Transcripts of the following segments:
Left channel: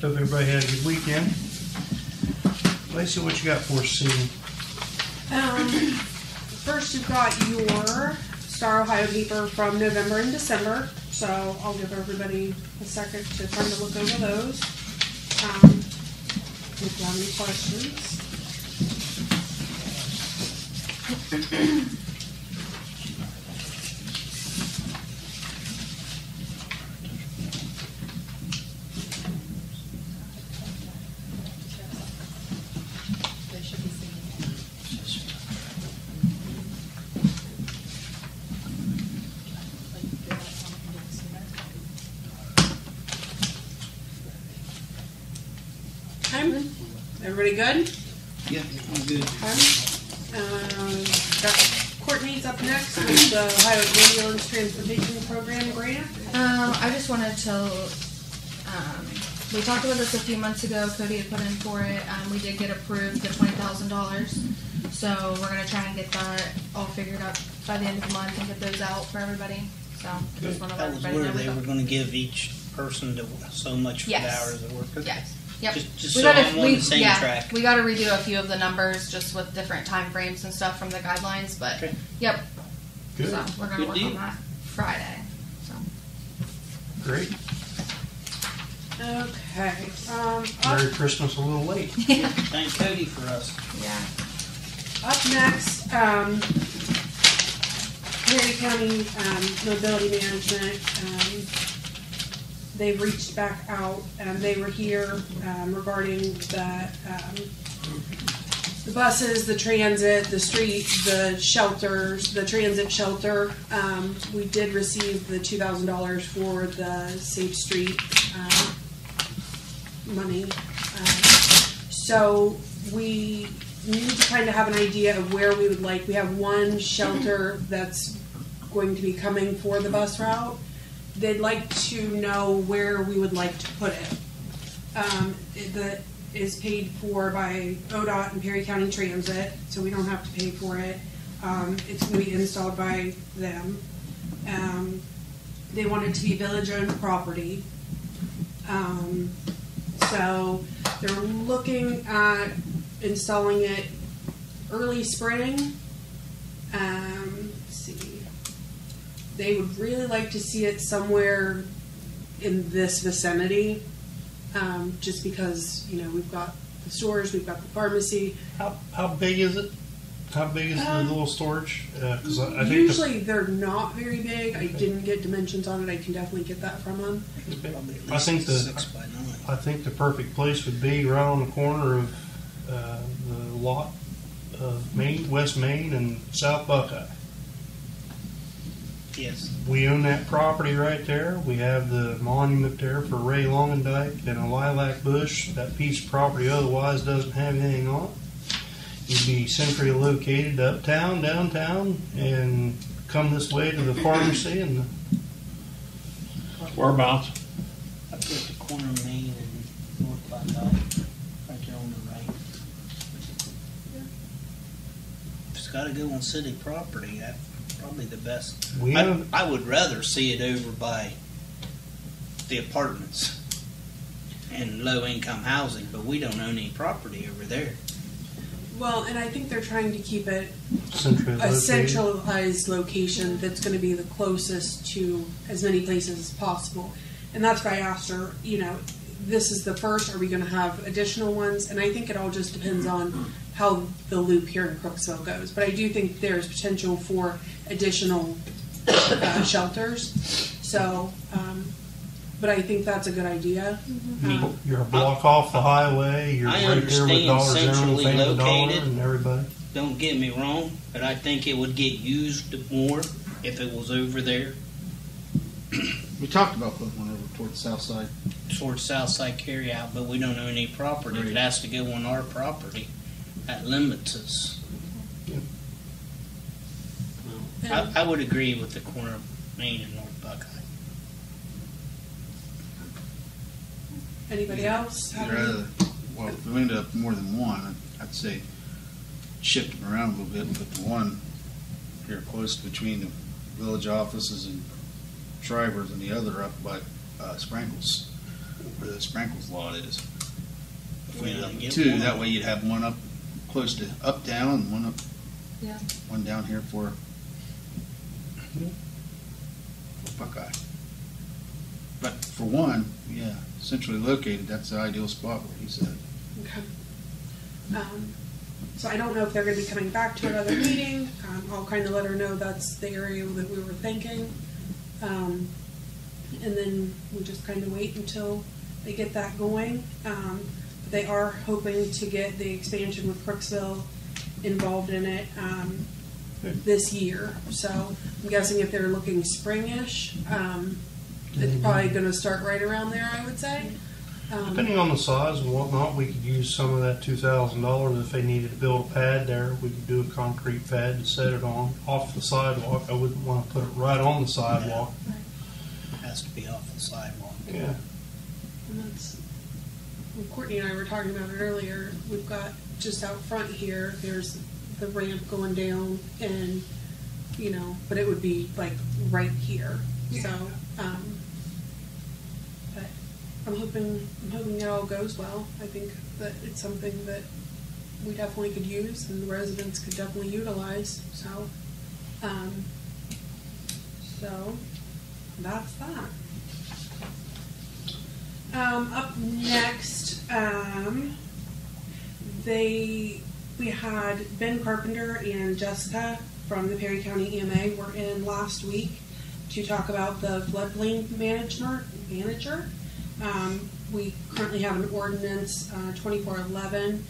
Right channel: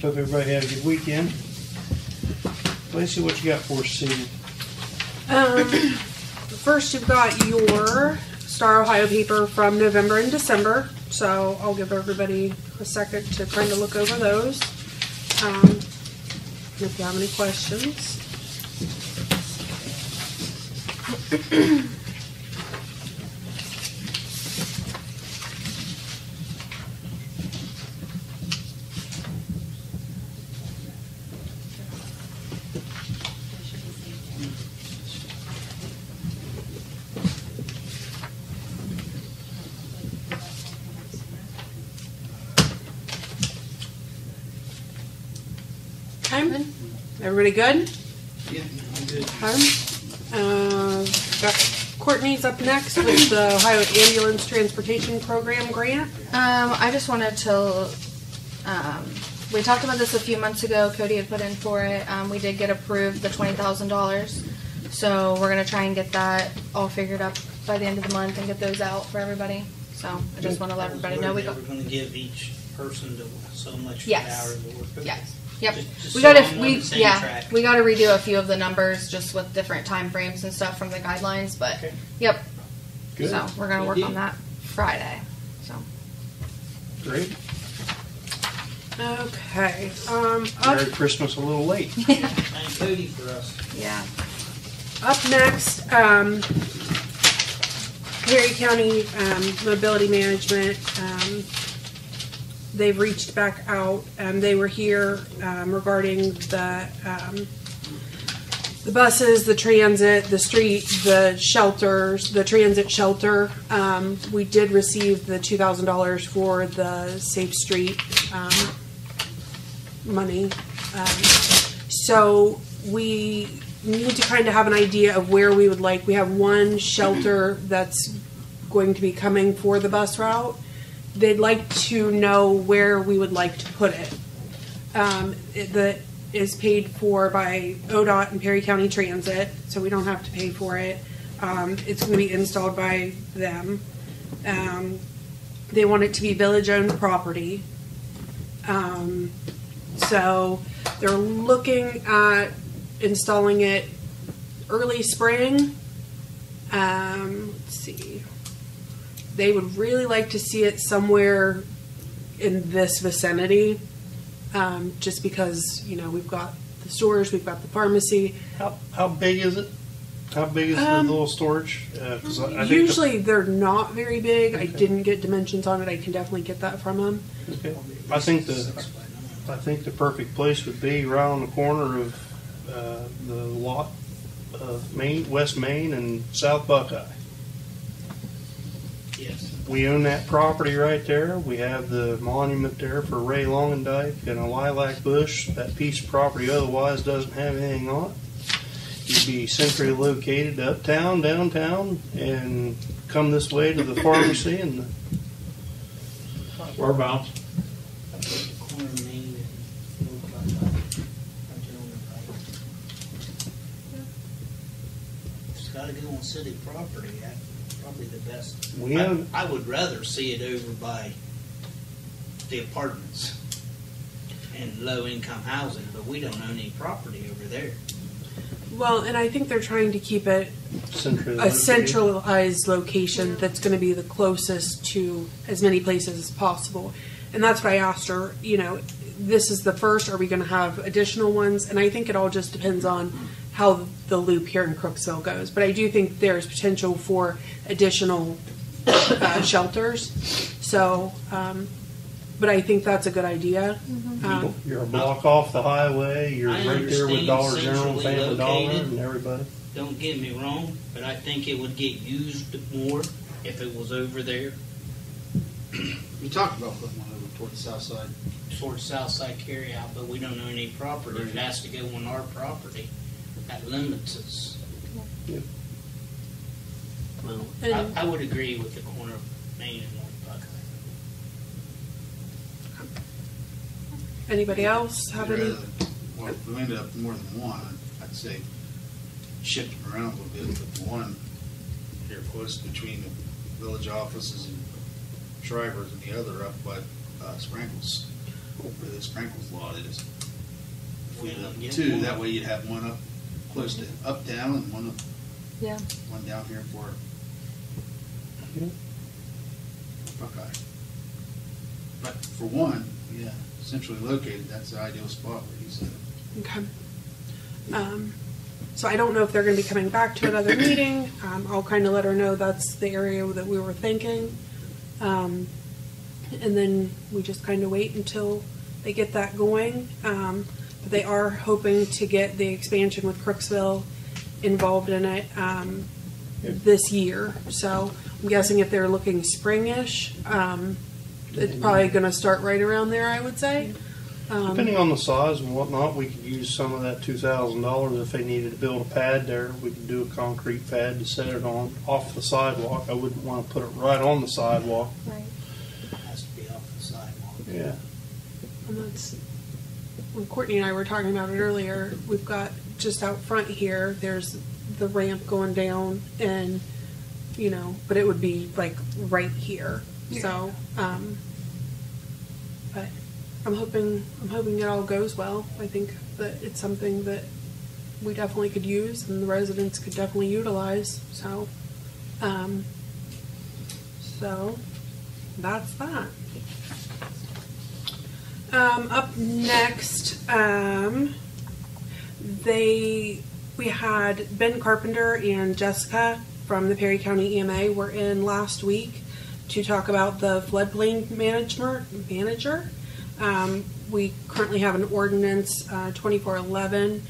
Hope everybody had a good weekend. Lacey, what you got for us this evening? First, you've got your Star Ohio paper from November and December. So I'll give everybody a second to kind of look over those. If you have any questions. Everybody good? Yeah, I'm good. Got Courtney's up next with the Ohio Ambulance Transportation Program grant. I just wanted to, we talked about this a few months ago. Cody had put in for it. We did get approved the $20,000. So we're going to try and get that all figured up by the end of the month and get those out for everybody. So I just want to let everybody know. We're going to give each person so much for yes. the hours of work. Okay. Yes. Yep. Just we so got I'm on the same track. We got to redo a few of the numbers just with different time frames and stuff from the guidelines, but okay. Yep. Good. So we're going to work on that Friday. So great. Okay. Merry Christmas a little late. Yeah. Thank Cody for us. Yeah. Up next, Perry County Mobility Management. They've reached back out. They were here regarding the buses, the transit, the street, the shelters, the transit shelter. We did receive the $2,000 for the Safe Street money. So we need to kind of have an idea of where we would like. We have one shelter that's going to be coming for the bus route. They'd like to know where we would like to put it. That is paid for by ODOT and Perry County Transit, so we don't have to pay for it. It's going to be installed by them. They want it to be village-owned property. So they're looking at installing it early spring. Let's see. They would really like to see it somewhere in this vicinity, just because, you know, we've got the stores, we've got the pharmacy. How big is it? How big is the little storage? Cause I think usually they're not very big. Okay. I didn't get dimensions on it. I can definitely get that from them. Okay. I think the perfect place would be right on the corner of the lot of West Main and South Buckeye. Yes. We own that property right there. We have the monument there for Ray Longendike and a lilac bush. That piece of property otherwise doesn't have anything on it. You'd be centrally located uptown, downtown, and come this way to the pharmacy and the whereabouts? Up at the corner of Main and North Buckeye, right there on the right. Yeah. If it's got to go on city property, that's probably the best. I would rather see it over by the apartments and low-income housing, but we don't own any property over there. Well, and I think they're trying to keep it centralized location that's going to be the closest to as many places as possible. And that's why I asked her, you know, this is the first, are we going to have additional ones? And I think it all just depends on how the loop here in Crooksville goes. But I do think there's potential for additional shelters. So, but I think that's a good idea. Mm-hmm. You're a block off the highway. You're right there with Dollar General, Family Dollar, and everybody. Don't get me wrong, but I think it would get used more if it was over there. We talked about putting one over towards the south side. Towards south side carry out, but we don't own any property. Right. It has to go on our property. That limits us. Yep. Well, I would agree with the corner of Main and North Buckeye. Anybody else have any? Well, if we end up more than one, I'd say shift them around a little bit, but the one here close between the village offices and Shriver's and the other up by Sprankles. where the sprinkles lot is. If we Yeah, did get two, one. that way you'd have one up close to up down and one up, Yeah. one down here for Yeah. Buckeye. But for one, yeah, centrally located, that's the ideal spot where he said. Okay. So I don't know if they're going to be coming back to another meeting. I'll kind of let her know that's the area that we were thinking. And then we just kind of wait until they get that going. But they are hoping to get the expansion with Crooksville involved in it this year. So I'm guessing if they're looking springish, it's probably going to start right around there, I would say. Depending on the size and whatnot, we could use some of that $2,000 if they needed to build a pad there. We could do a concrete pad to set it on off the sidewalk. I wouldn't want to put it right on the sidewalk. Right. It has to be off the sidewalk. Yeah. And that's, when Courtney and I were talking about it earlier, we've got just out front here, there's the ramp going down and, you know, but it would be like right here. So, but I'm hoping it all goes well. I think that it's something that we definitely could use and the residents could definitely utilize. So, so that's that. Up next, we had Ben Carpenter and Jessica from the Perry County EMA were in last week to talk about the floodplain manager. We currently have an ordinance, 2411,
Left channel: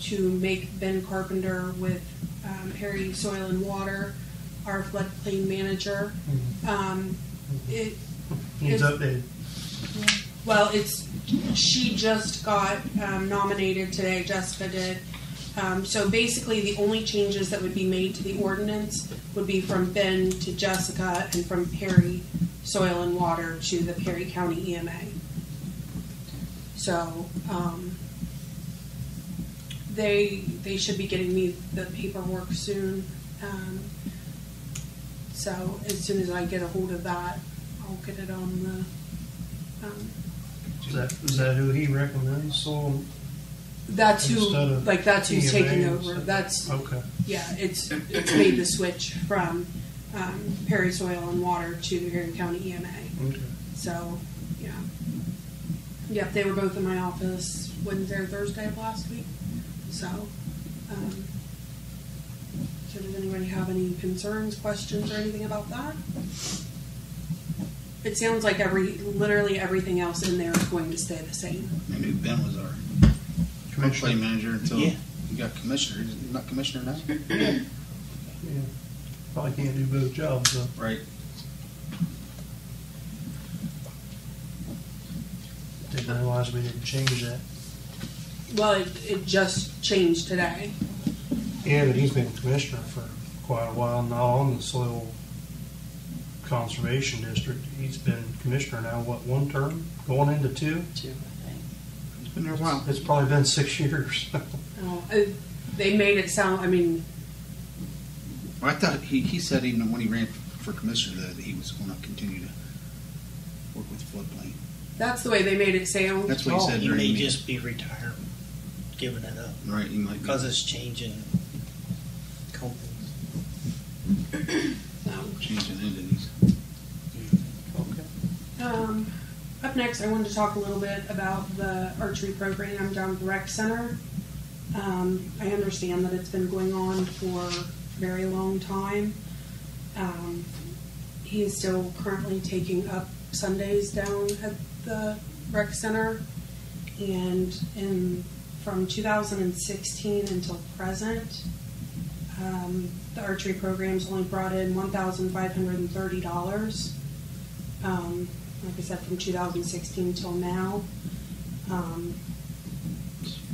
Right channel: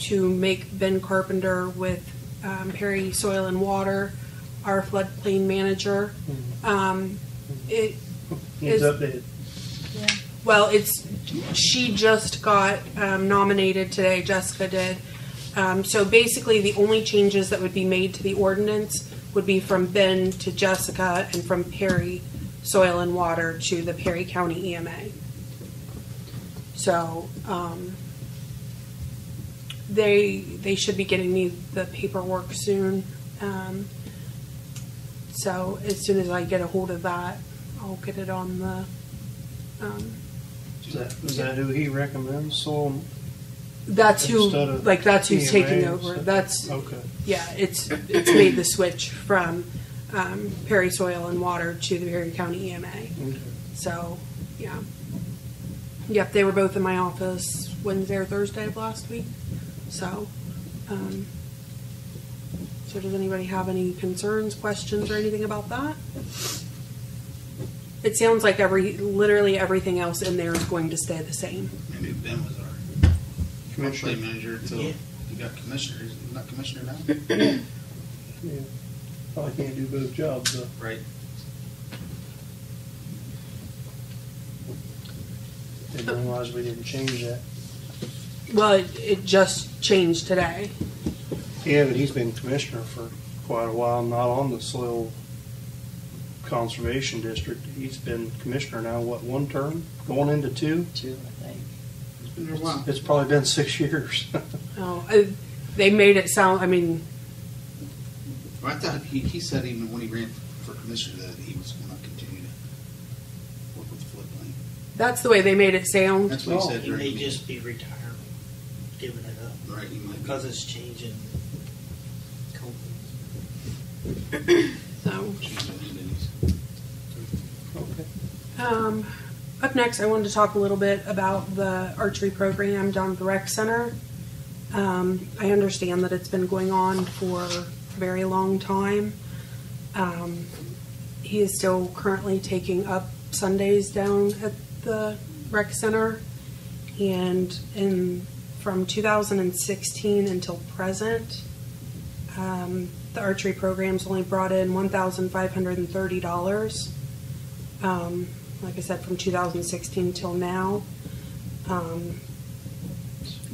to make Ben Carpenter with Perry Soil and Water our floodplain manager. It Needs is- updated. Well, she just got nominated today, Jessica did. So basically, the only changes that would be made to the ordinance would be from Ben to Jessica and from Perry Soil and Water to the Perry County EMA. So they should be getting me the paperwork soon. So as soon as I get a hold of that, I'll get it on the. Is that who he recommends? So That's who, Instead of like, that's who's taking EMA, over. so- That's, okay. yeah, it's made the switch from Perry Soil and Water to the Perry County EMA. Okay. So, yeah. Yep, they were both in my office Wednesday or Thursday of last week. So, so does anybody have any concerns, questions, or anything about that? It sounds like literally everything else in there is going to stay the same. I knew Ben was our Commissioner. floodplain manager until Yeah. he got commissioner. He's not commissioner now? Yeah. Probably can't do both jobs, though. Right. Didn't realize we didn't change that. Well, it just changed today. Yeah, but he's been commissioner for quite a while, not on the soil conservation district. He's been commissioner now, what, one term? Going into two? Two, I think. It's been there a while. It's probably been 6 years. Oh, they made it sound, I mean, Well, I thought he said even when he ran for commissioner that he was going to continue to work with the floodplain. that's the way they made it sound. That's what he said He during may the just be retired, giving it up, right. He might be. because it's changing companies. So, Changing entities. Okay. up next, I wanted to talk a little bit about the archery program down at the rec center. I understand that it's been going on for a very long time. He is still currently taking up Sundays down at the rec center, and from 2016 until present, the archery program's only brought in $1,530. Like I said, from 2016 till now.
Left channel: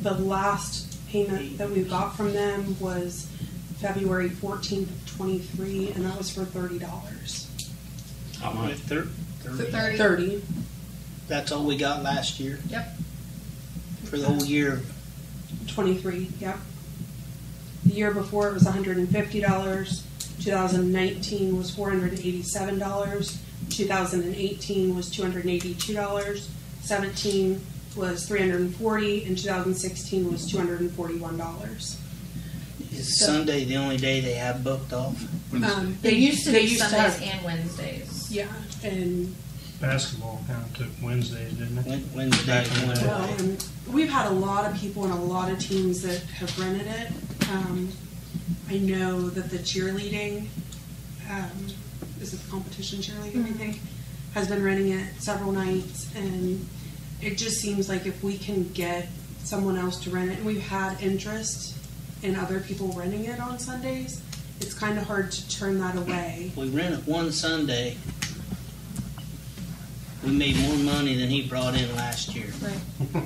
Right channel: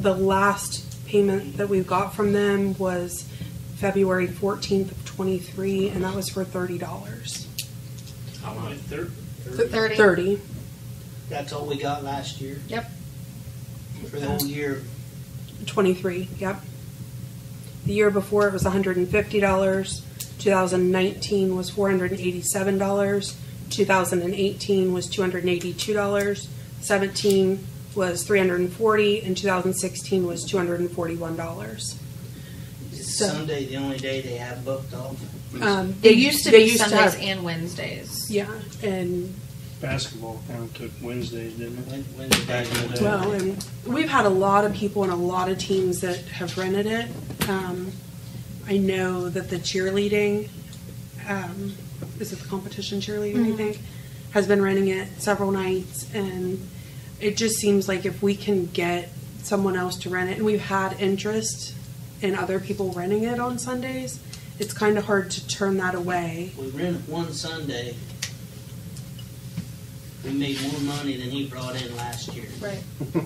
The last payment that we got from them was February 14th of 23, and that was for $30. How much? 30? 30. That's all we got last year Yep. for the whole year. 23, yep. The year before it was $150. 2019 was $487. 2018 was $282. 17 was $340, and 2016 was $241. Is Sunday the only day they have booked off? They used to be used Sundays have- and Wednesdays. Yeah, and Basketball kind of took Wednesdays, didn't it? When the day doing it? well, and we've had a lot of people and a lot of teams that have rented it. I know that the cheerleading, is it the competition cheerleading, I think, has been renting it several nights, and it just seems like if we can get someone else to rent it, and we've had interest in other people renting it on Sundays, it's kind of hard to turn that away. We rented one Sunday. We made more money than he brought in last year. Right.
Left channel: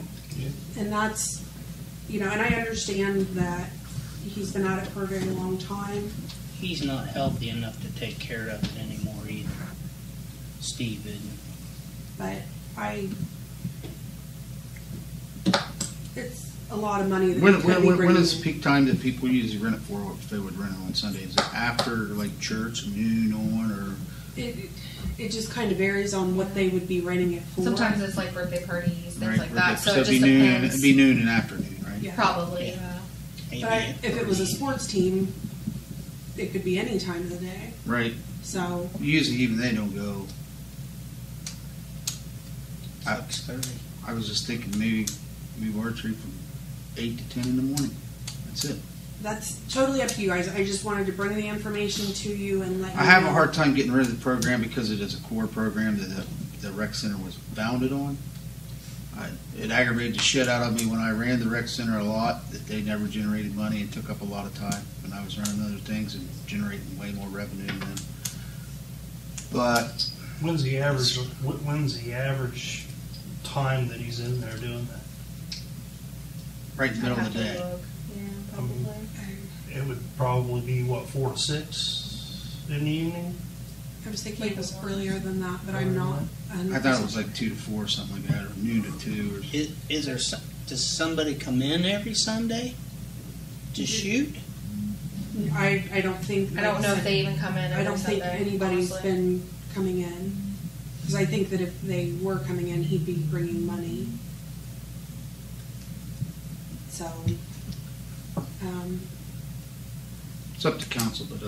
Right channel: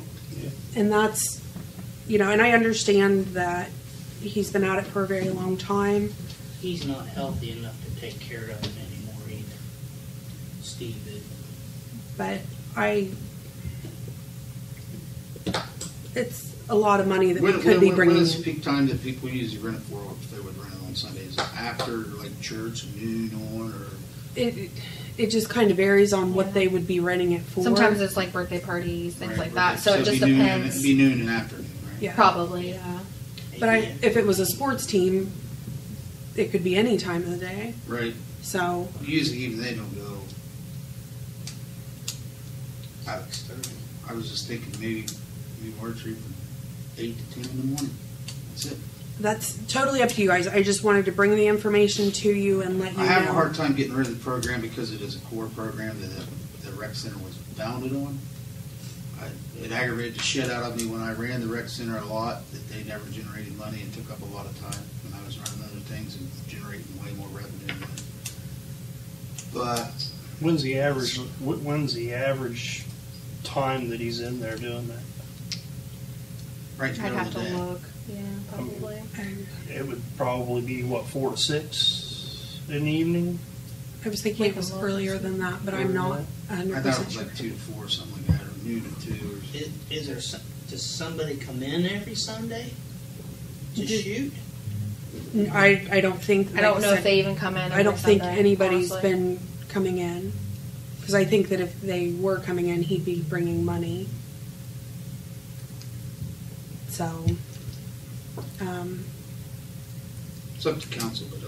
And that's, and I understand that he's been at it for a very long time. He's not healthy enough to take care of it anymore either. Steve isn't. But it's a lot of money that we could be bringing. When is peak time that people usually rent it for? If they would rent it on Sundays, is it after like church, noon on, or? It just kind of varies on what they would be renting it for. Sometimes it's like birthday parties, things Right, like that. So it it'd just be noon, depends. it'd be noon and afternoon, right? Yeah. Probably, Yeah. yeah. But if it was a sports team, it could be any time of the day. Right. So Usually even they don't go. 6:30. I was just thinking maybe move archery from 8 to 10 in the morning. That's it. that's totally up to you guys. I just wanted to bring the information to you and let you know. I have a hard time getting rid of the program because it is a core program that the rec center was founded on. It aggravated the shit out of me when I ran the rec center a lot that they never generated money and took up a lot of time when I was running other things and generating way more revenue than that. But When's the average time that he's in there doing that? right in the I'd middle have of the to day. look. Yeah, probably. It would probably be, 4 to 6 in the evening? I was thinking it was earlier than that, but I'm not 100% I thought it was like 2 to 4 or something like that, or noon to 2. Is there does somebody come in every Sunday to shoot? I don't think. I don't know if they even come in. I don't think Sunday, anybody's honestly. been coming in, because I think that if they were coming in, he'd be bringing money. So, It's up to council, but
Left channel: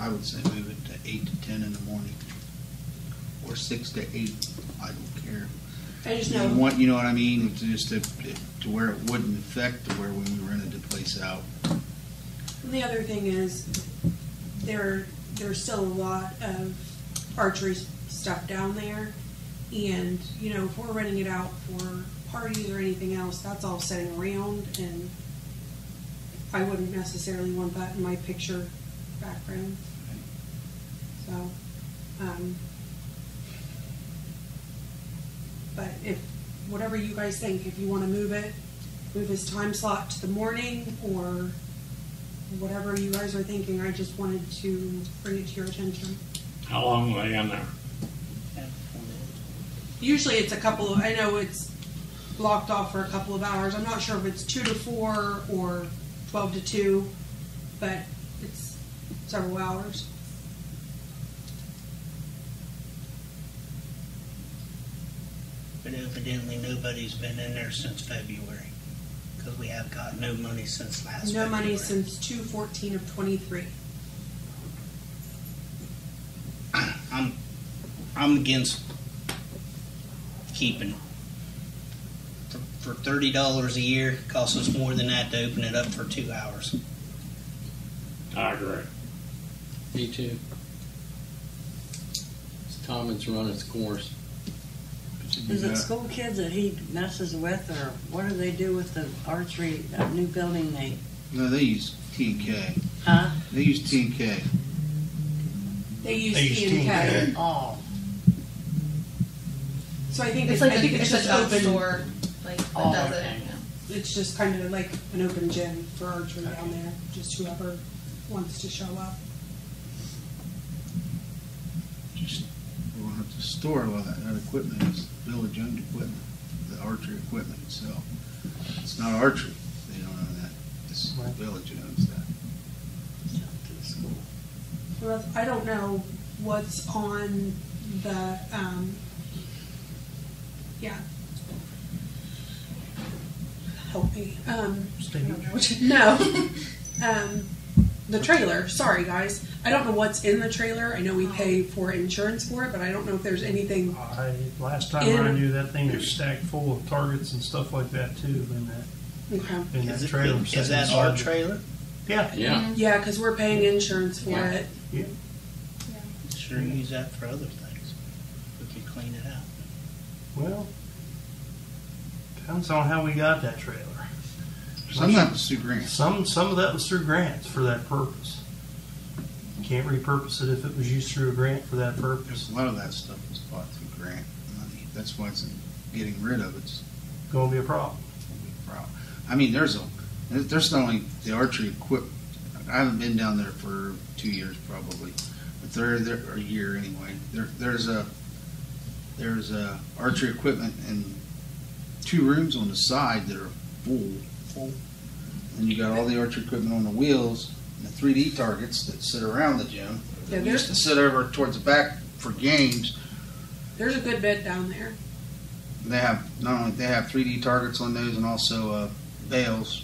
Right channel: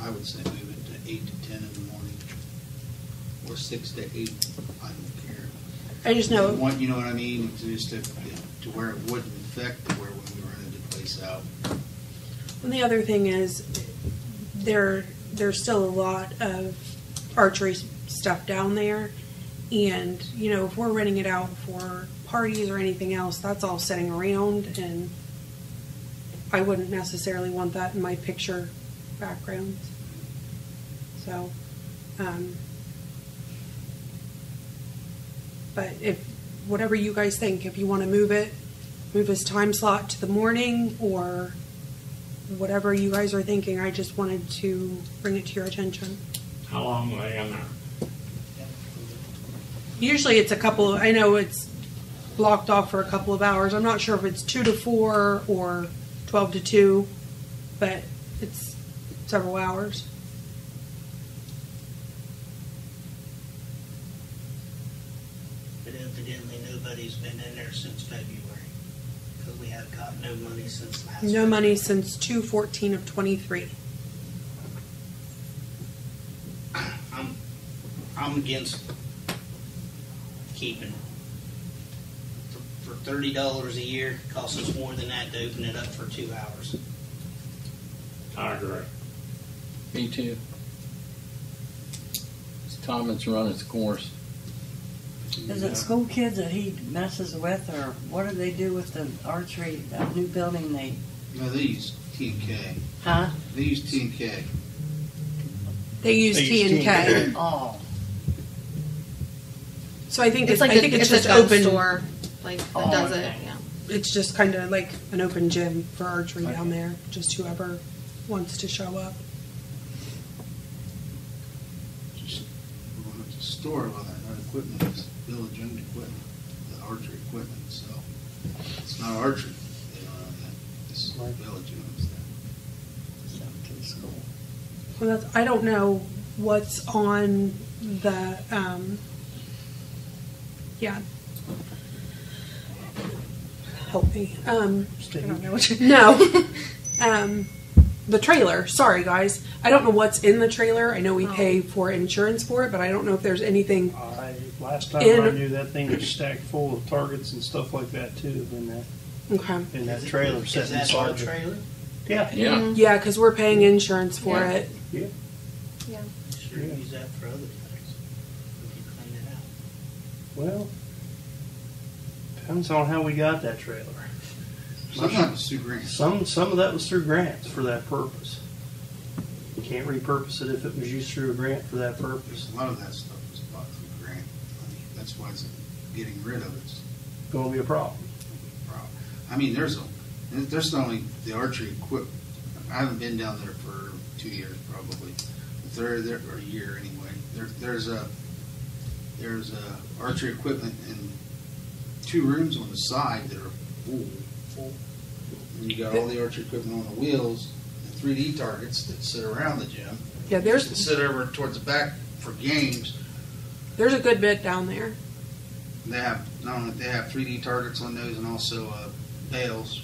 I would say move it to 8 to 10 in the morning, or 6 to 8. I don't care. I just know. You know what I mean? Just to where it wouldn't affect to where when we rented the place out. And the other thing is, there's still a lot of archery stuff down there, and if we're renting it out for parties or anything else, that's all sitting around, and I wouldn't necessarily want that in my picture background. So, but whatever you guys think, if you want to move his time slot to the morning or whatever you guys are thinking, I just wanted to bring it to your attention. How long were they in there? Usually it's I know it's blocked off for a couple of hours. I'm not sure if it's 2 to 4 or 12 to 2, but it's several hours. But evidently nobody's been in there since February, because we have got no money since last No money February. since 2/14 of 23. I'm against keeping. For $30 a year, it costs us more than that to open it up for 2 hours. I agree. Me too. It's time it's run its course. Is it school kids that he messes with, or what do they do with the archery, that new building they? No, they use T&K. Huh? They use T&K. They use They use T&K. Oh. So I think It's I like think it's a just gun open. store, like that Oh, does okay. it. Yeah. It's just kind of like an open gym for archery down there. Just whoever wants to show up. Just we won't have to store all that equipment. It's village-owned equipment, the archery equipment itself. It's not archery. They don't know that. It's Right. village owns that. It's up to the school. Well, I don't know what's on the yeah. Help me. I don't know what you no. The trailer. Sorry, guys. I don't know what's in the trailer. I know we pay for insurance for it, but I don't know if there's anything. Last time I knew that thing was stacked full of targets and stuff like that too in that trailer. Is that our trailer? Yeah. Yeah. Yeah, because we're paying insurance for it. Yeah. Yeah. Sure, use that for other things. We could clean it out. Well, depends on how we got that trailer. Some of that was through grants. Some of that was through grants for that purpose. You can't repurpose it if it was used through a grant for that purpose. A lot of that stuff was bought through grant money. That's why it's getting rid of it's Going to be a problem. a problem. I mean, there's not only the archery equipment. I haven't been down there for 2 years probably, but there or a year anyway. There's a archery equipment and 2 rooms on the side that are full. And you got all the archery equipment on the wheels and the 3D targets that sit around the gym. Yeah, They used to sit over towards the back for games. There's a good bit down there. They have not only they have 3D targets on those and also bales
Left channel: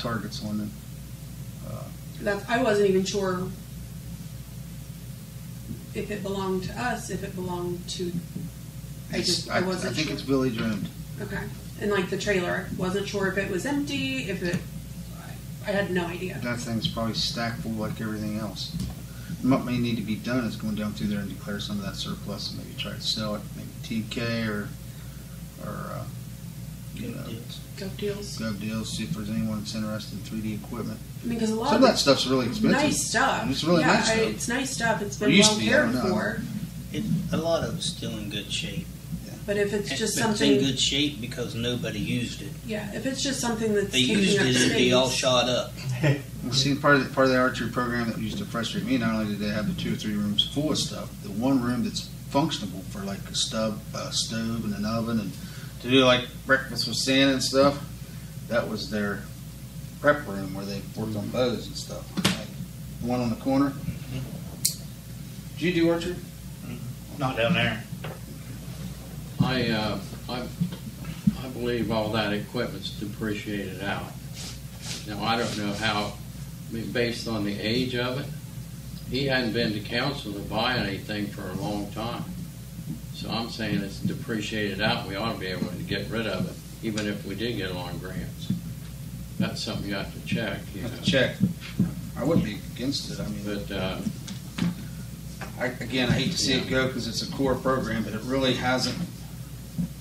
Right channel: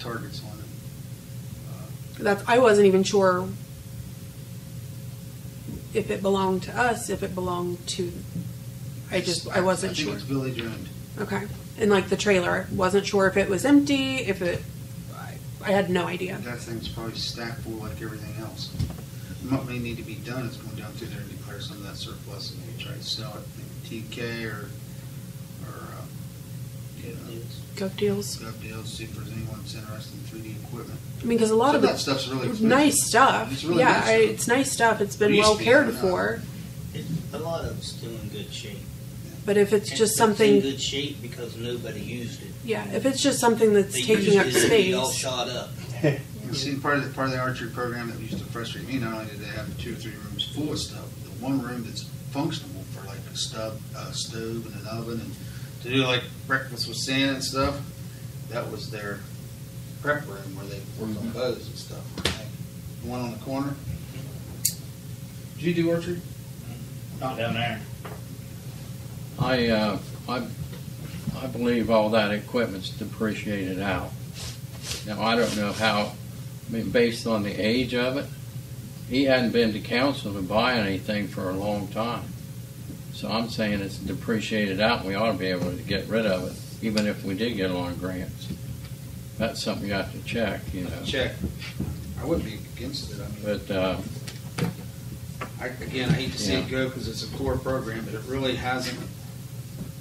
targets on them. I wasn't even sure if it belonged to us, if it belonged to. I wasn't I think sure. it's village owned. Okay, and like the trailer, wasn't sure if it was empty, if it. I had no idea. That thing's probably stacked full like everything else. What may need to be done is going down through there and declare some of that surplus and maybe try to sell it, maybe TK or Gov deals. Gov deals. See if there's anyone that's interested in 3D equipment. I mean, because a lot Some of of that it, stuff's really expensive. nice stuff. It's really yeah, nice stuff. it's nice stuff. It's been It used well to be, cared I know. for. A lot of it's still in good shape. But if it's just It's something, in good shape because nobody used it. yeah, if it's just something that's They taking used up it, it'd be all space, shot up. See, part of the archery program that used to frustrate me, not only did they have the 2 or 3 rooms full of stuff, the one room that's functional for like a stove and an oven and to do like breakfast with Santa and stuff, that was their prep room where they worked on bows and stuff. The one on the corner. Did you do archery? Not down there. I believe all that equipment's depreciated out. Now, I don't know how, I mean, based on the age of it, he hadn't been to council to buy anything for a long time. So I'm saying it's depreciated out and we ought to be able to get rid of it, even if we did get along grants. That's something you have to check, you know. Check. I wouldn't be against it. I mean, But, I hate to see it go because it's a core program, but it really hasn't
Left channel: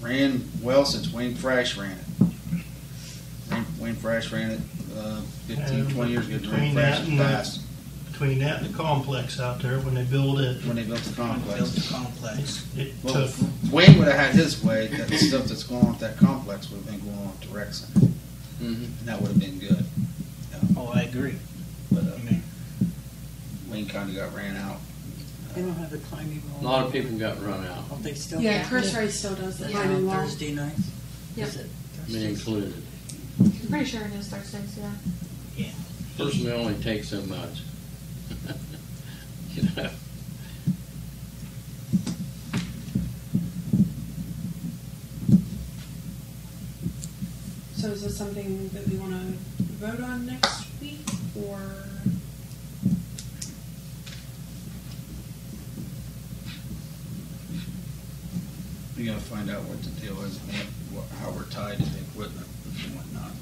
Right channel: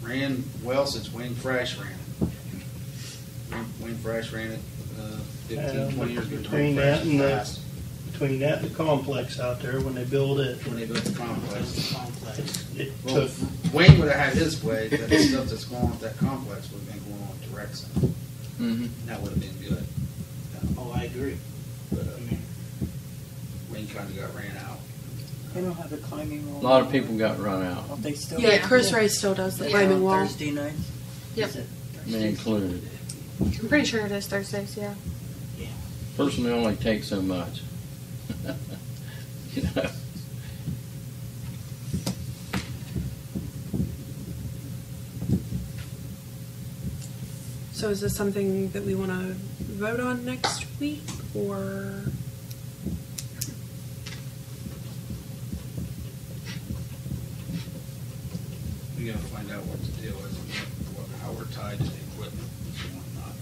ran well since Wayne Frash ran it. Wayne Frash ran it 15, 20 years ago. Between Wayne Frash that and passed between that and the complex out there when they build it, when they built the Built complex. the complex. it Well, took. if Wayne would have had his way, that stuff that's going on with that complex would have been going on with the rec center. mhm. That would have been good. Oh, I agree. But Wayne kind of got ran out. They don't have the climbing wall. A lot of people got run out, Oh, they still. yeah, Yeah. Chris Rice still does the Yeah. climbing wall. Thursday nights. Yep. Is it me Thursdays? included. I'm pretty sure it is Thursdays, yeah. Yeah. Personally, only takes so much. You know. So is this something that we want to vote on next week, or? We gotta find out what the deal is and how we're tied to the equipment and whatnot.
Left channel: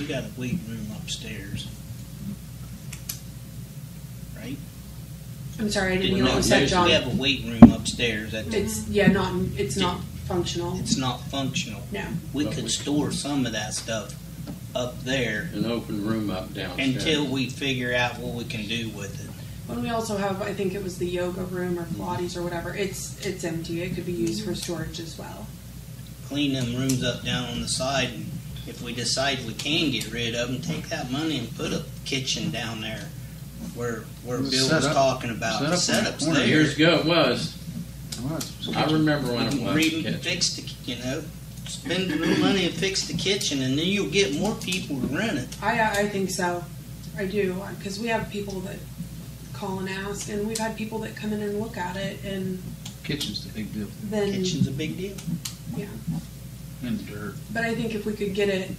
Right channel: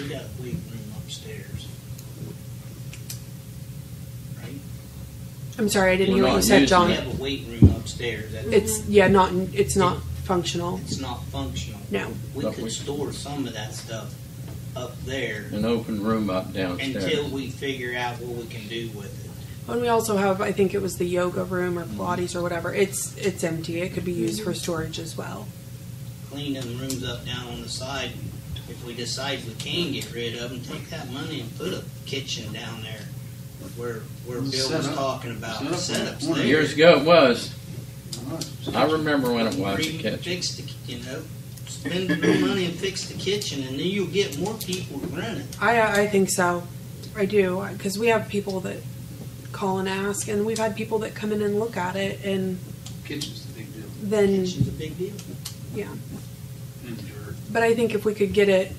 We got a weight room upstairs. Right? I'm sorry, I didn't hear We're what you not said, using John. We have a weight room upstairs. It's it's not functional. It's not functional. No. We But could we- store some of that stuff up there An open room up downstairs. until we figure out what we can do with it. And we also have, I think it was the yoga room or Pilates or whatever. It's empty. It could be used for storage as well. Clean them rooms up down on the side, and if we decide we can get rid of them, take that money and put a kitchen down there where Bill Set was up- talking about. set up Setups in the corner. there. Years ago it was. Oh, it's- I remember when it was. Read- Kitchen. fix the, spend the money and fix the kitchen, and then you'll get more people to rent it. I think so. I do, because we have people that call and ask, and we've had people that come in and look at it, and Kitchen's the big deal. then, Kitchen's a big deal. yeah. And the dirt. But I think if we could get it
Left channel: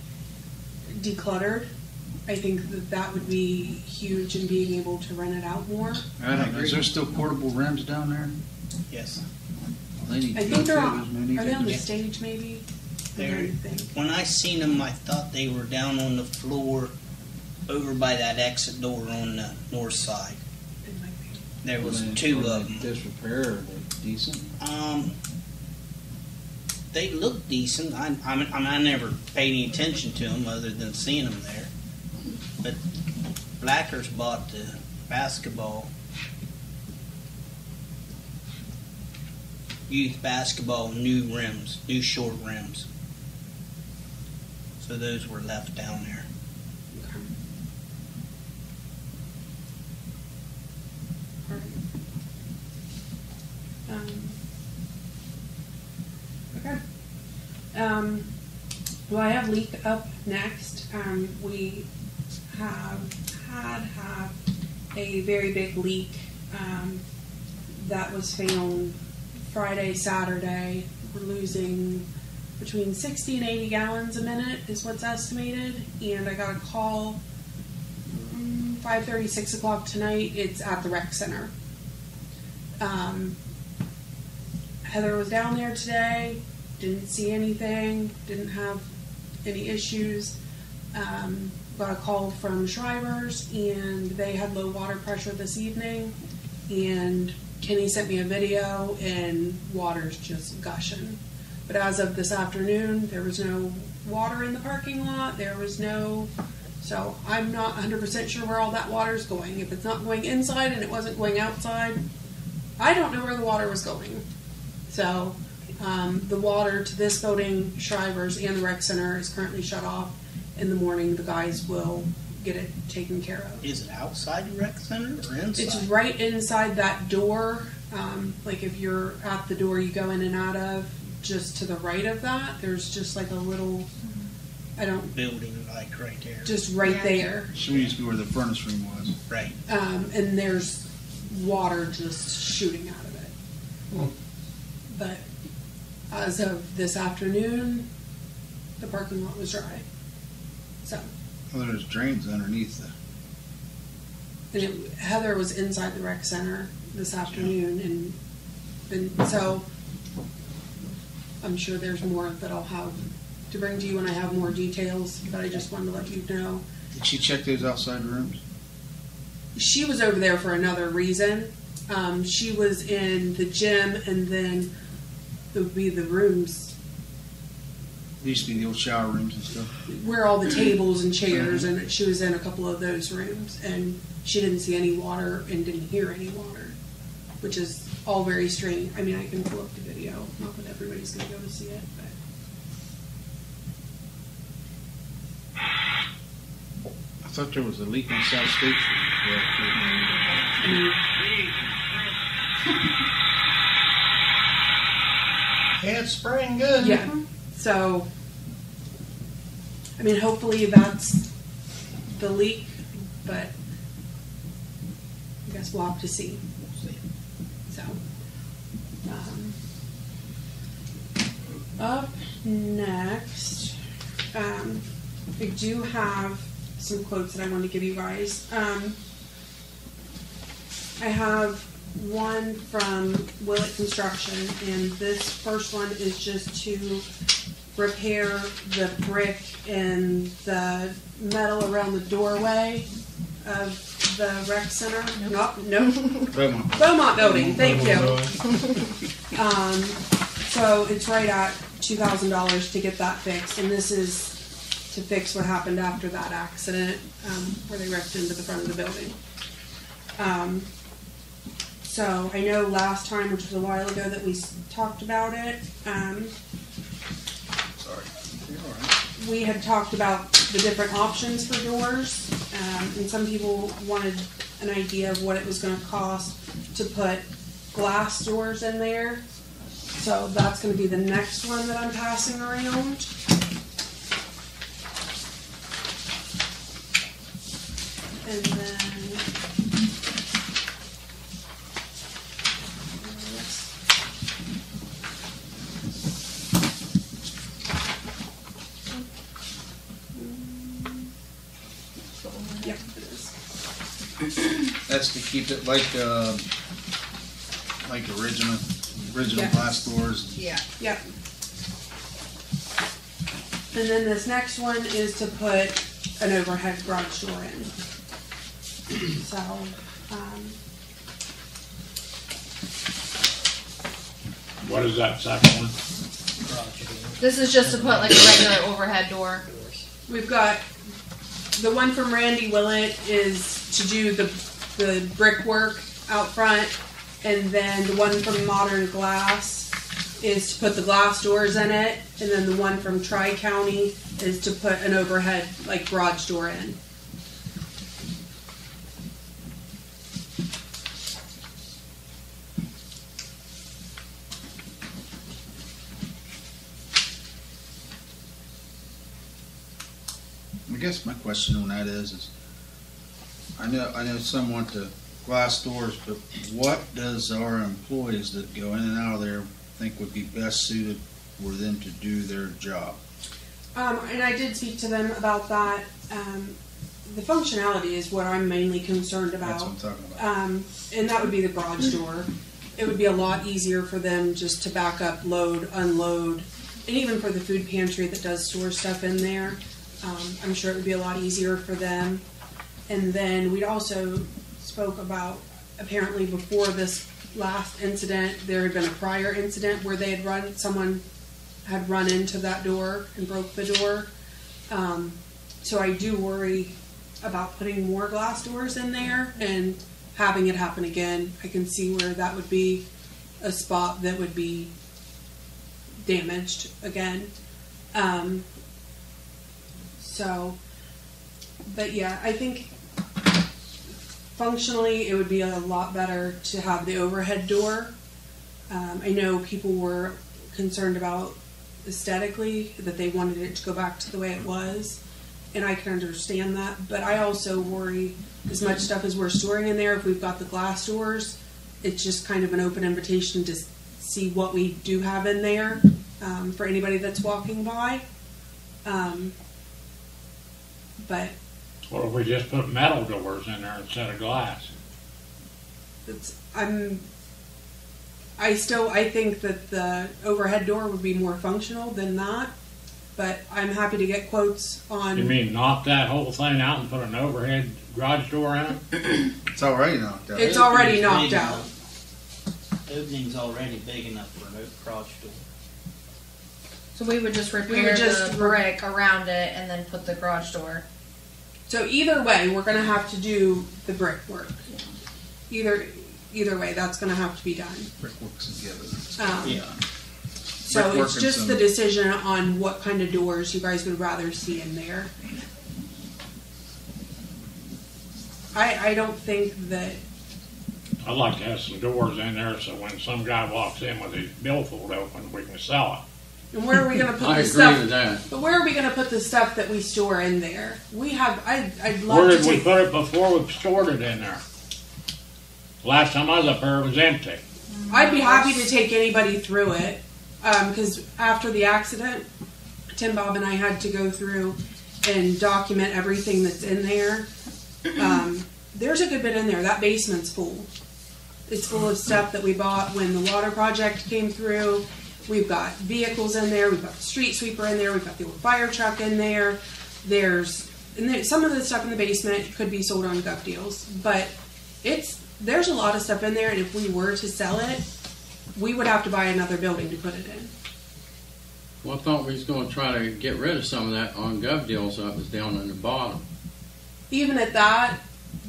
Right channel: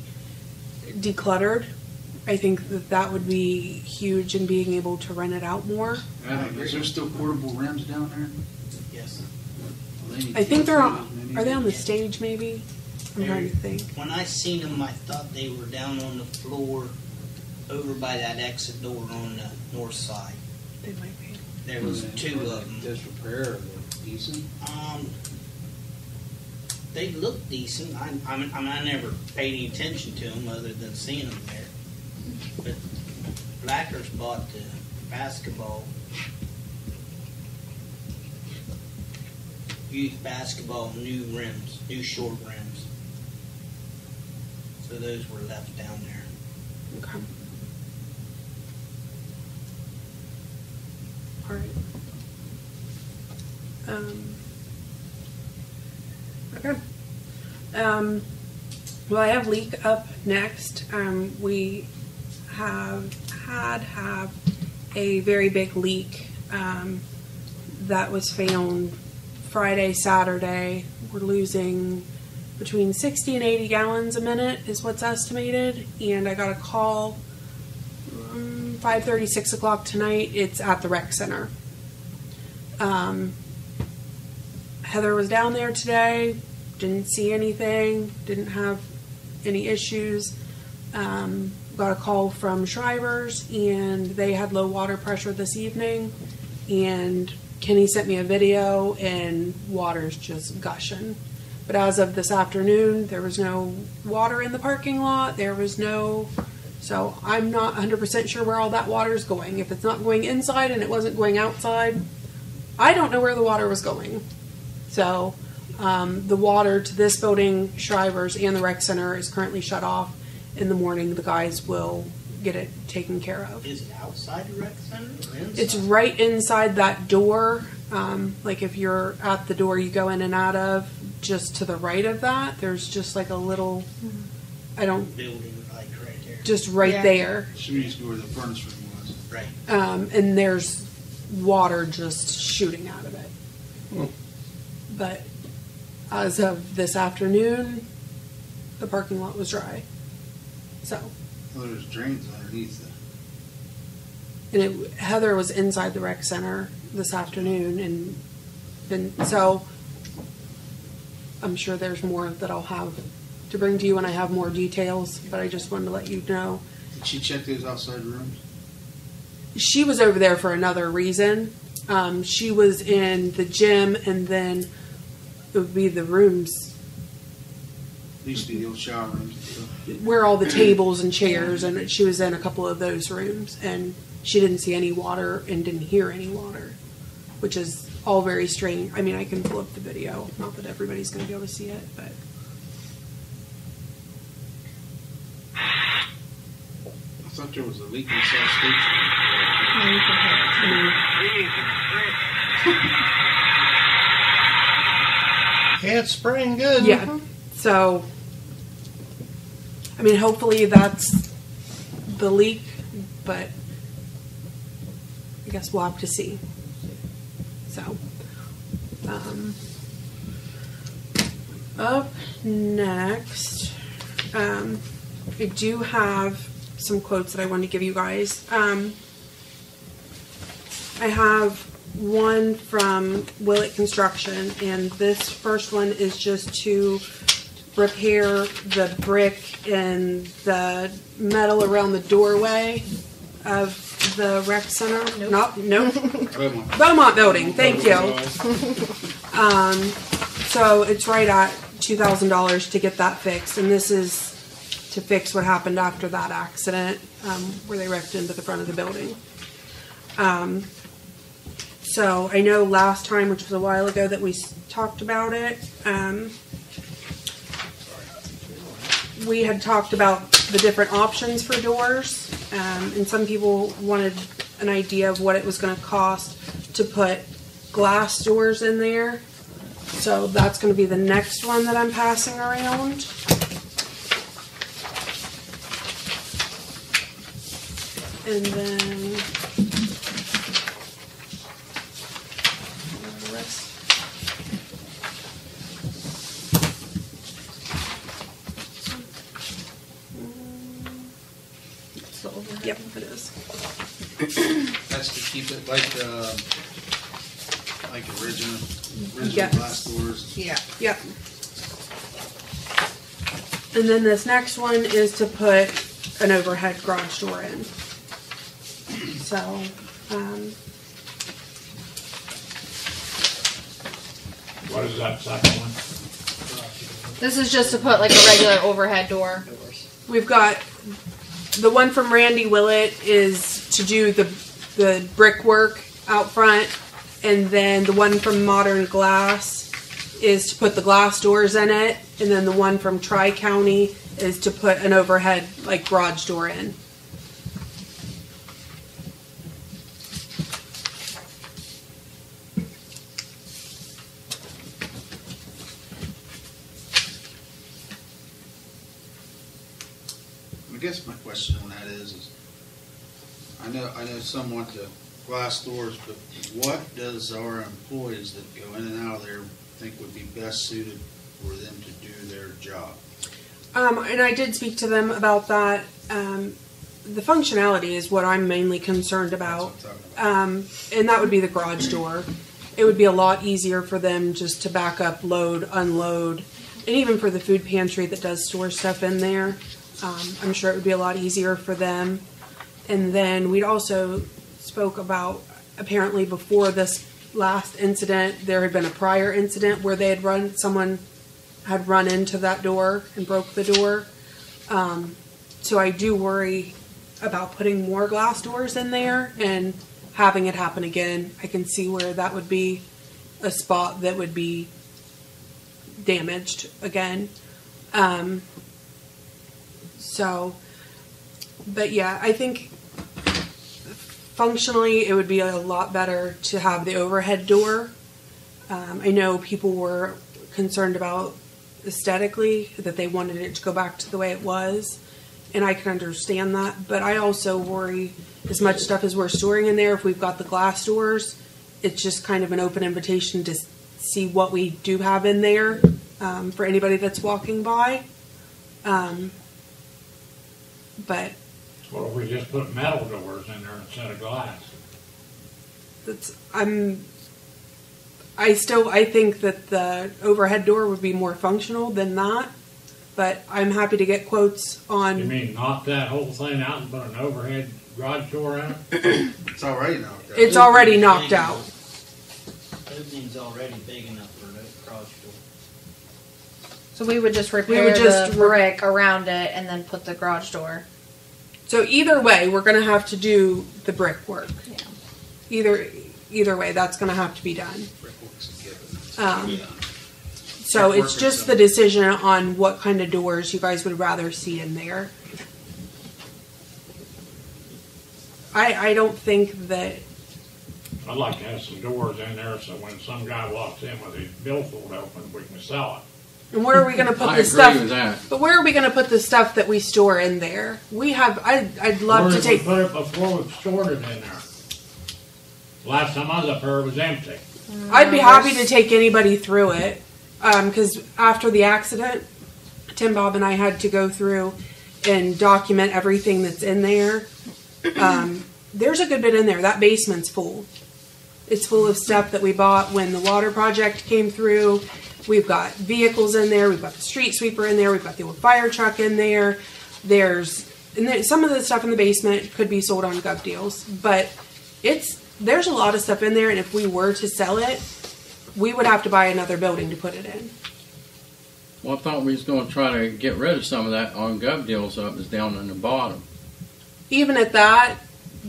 decluttered, I think that that would be huge in being able to rent it out more. I don't know, is there still portable rims down there? Yes. Well, they need I think to they're get on, as many are they on the as- stage maybe? I'm They're- trying to think. When I seen them, I thought they were down on the floor over by that exit door on the north side. They might be. There was Were they- two were of they them. disrepair, or they decent? They look decent. I never paid any attention to them other than seeing them there. But Blackers bought the basketball, youth basketball, new rims, new short rims. So those were left down there. Okay. All right. Okay. Well, I have leak up next. We have a very big leak that was found Friday, Saturday. We're losing between 60 and 80 gallons a minute is what's estimated. And I got a call 5:30, 6 o'clock tonight. It's at the rec center. Heather was down there today, didn't see anything, didn't have any issues. Got a call from Shriver's, and they had low water pressure this evening, and Kenny sent me a video, and water's just gushing. But as of this afternoon, there was no water in the parking lot, so I'm not 100% sure where all that water is going. If it's not going inside and it wasn't going outside, I don't know where the water was going. So the water to this building, Shriver's, and the rec center is currently shut off. In the morning, the guys will get it taken care of. Is it outside the rec center or inside? It's right inside that door. Like if you're at the door you go in and out of, just to the right of that, there's just like a little, building like right there. just right Yeah. there. Should used to be where the furnace room was. Right. And there's water just shooting out of it. Hmm. But as of this afternoon, the parking lot was dry. So, Well, there's drains underneath and Heather was inside the rec center this afternoon, and then so I'm sure there's more that I'll have to bring to you when I have more details. But I just wanted to let you know. Did she check those outside rooms? She was over there for another reason. She was in the gym, and then it would be the rooms There used to be the old shower rooms and stuff. where all the tables and chairs, and she was in a couple of those rooms, and she didn't see any water and didn't hear any water, which is all very strange. I mean, I can pull up the video. Not that everybody's going to be able to see it, but I thought there was a leak inside station. Yeah, it's spraying good. yeah. So, I mean, hopefully that's the leak, but I guess we'll have to see. So, up next, I do have some quotes that I want to give you guys. I have one from Willett Construction, and this first one is just to repair the brick and the metal around the doorway of the rec center. Nope. Beaumont building, thank you. So it's right at $2,000 to get that fixed, and this is to fix what happened after that accident where they wrecked into the front of the building. So I know last time, which was a while ago, that we talked about it. We had talked about the different options for doors, and some people wanted an idea of what it was going to cost to put glass doors in there. So that's going to be the next one that I'm passing around. And then Yep, it is. That's to keep it like original Yes. glass doors. Yeah. Yep. And then this next one is to put an overhead garage door in. So, What is that second one? This is just to put like a regular overhead door. we've got the one from Randy Willett is to do the brickwork out front, and then the one from Modern Glass is to put the glass doors in it, and then the one from Tri-County is to put an overhead like garage door in. I guess my question on that is I know some want the glass doors, but what does our employees that go in and out of there think would be best suited for them to do their job? And I did speak to them about that. The functionality is what I'm mainly concerned about. That's what I'm talking about. And that would be the garage door. It would be a lot easier for them just to back up, load, unload, and even for the food pantry that does store stuff in there. I'm sure it would be a lot easier for them. And then we also spoke about, apparently before this last incident, there had been a prior incident where someone had run into that door and broke the door. So I do worry about putting more glass doors in there and having it happen again. I can see where that would be a spot that would be damaged again. But yeah, I think functionally it would be a lot better to have the overhead door. I know people were concerned about aesthetically, that they wanted it to go back to the way it was, and I can understand that, but I also worry as much stuff as we're storing in there, if we've got the glass doors, it's just kind of an open invitation to see what we do have in there for anybody that's walking by. But What if we just put metal doors in there instead of glass? I think that the overhead door would be more functional than that, but I'm happy to get quotes on. You mean knock that whole thing out and put an overhead garage door in it? It's already knocked out. It's already knocked out. Opening's already big enough for a garage door. So we would just repair the brick around it and then put the garage door. So either way, we're going to have to do the brickwork. Yeah. Either way, that's going to have to be done. Brickworks together. Yeah. So Brickwork it's and just some- the decision on what kind of doors you guys would rather see in there. I don't think that. I'd like to have some doors in there so when some guy walks in with his billfold open, we can sell it. And where are we going to put I the agree stuff? with that. But where are we going to put the stuff that we store in there? We have. I'd Where love to did we take. put it before we stored it in there? Last time I was up there, it was empty. I'd be happy to take anybody through it, because after the accident, Tim, Bob, and I had to go through and document everything that's in there. There's a good bit in there. That basement's full. It's full of stuff that we bought when the water project came through. We've got vehicles in there. We've got the street sweeper in there. We've got the old fire truck in there. Some of the stuff in the basement could be sold on Gov Deals, but there's a lot of stuff in there, and if we were to sell it, we would have to buy another building to put it in. Well, I thought we was going to try to get rid of some of that on Gov Deals up is down in the bottom. Even at that,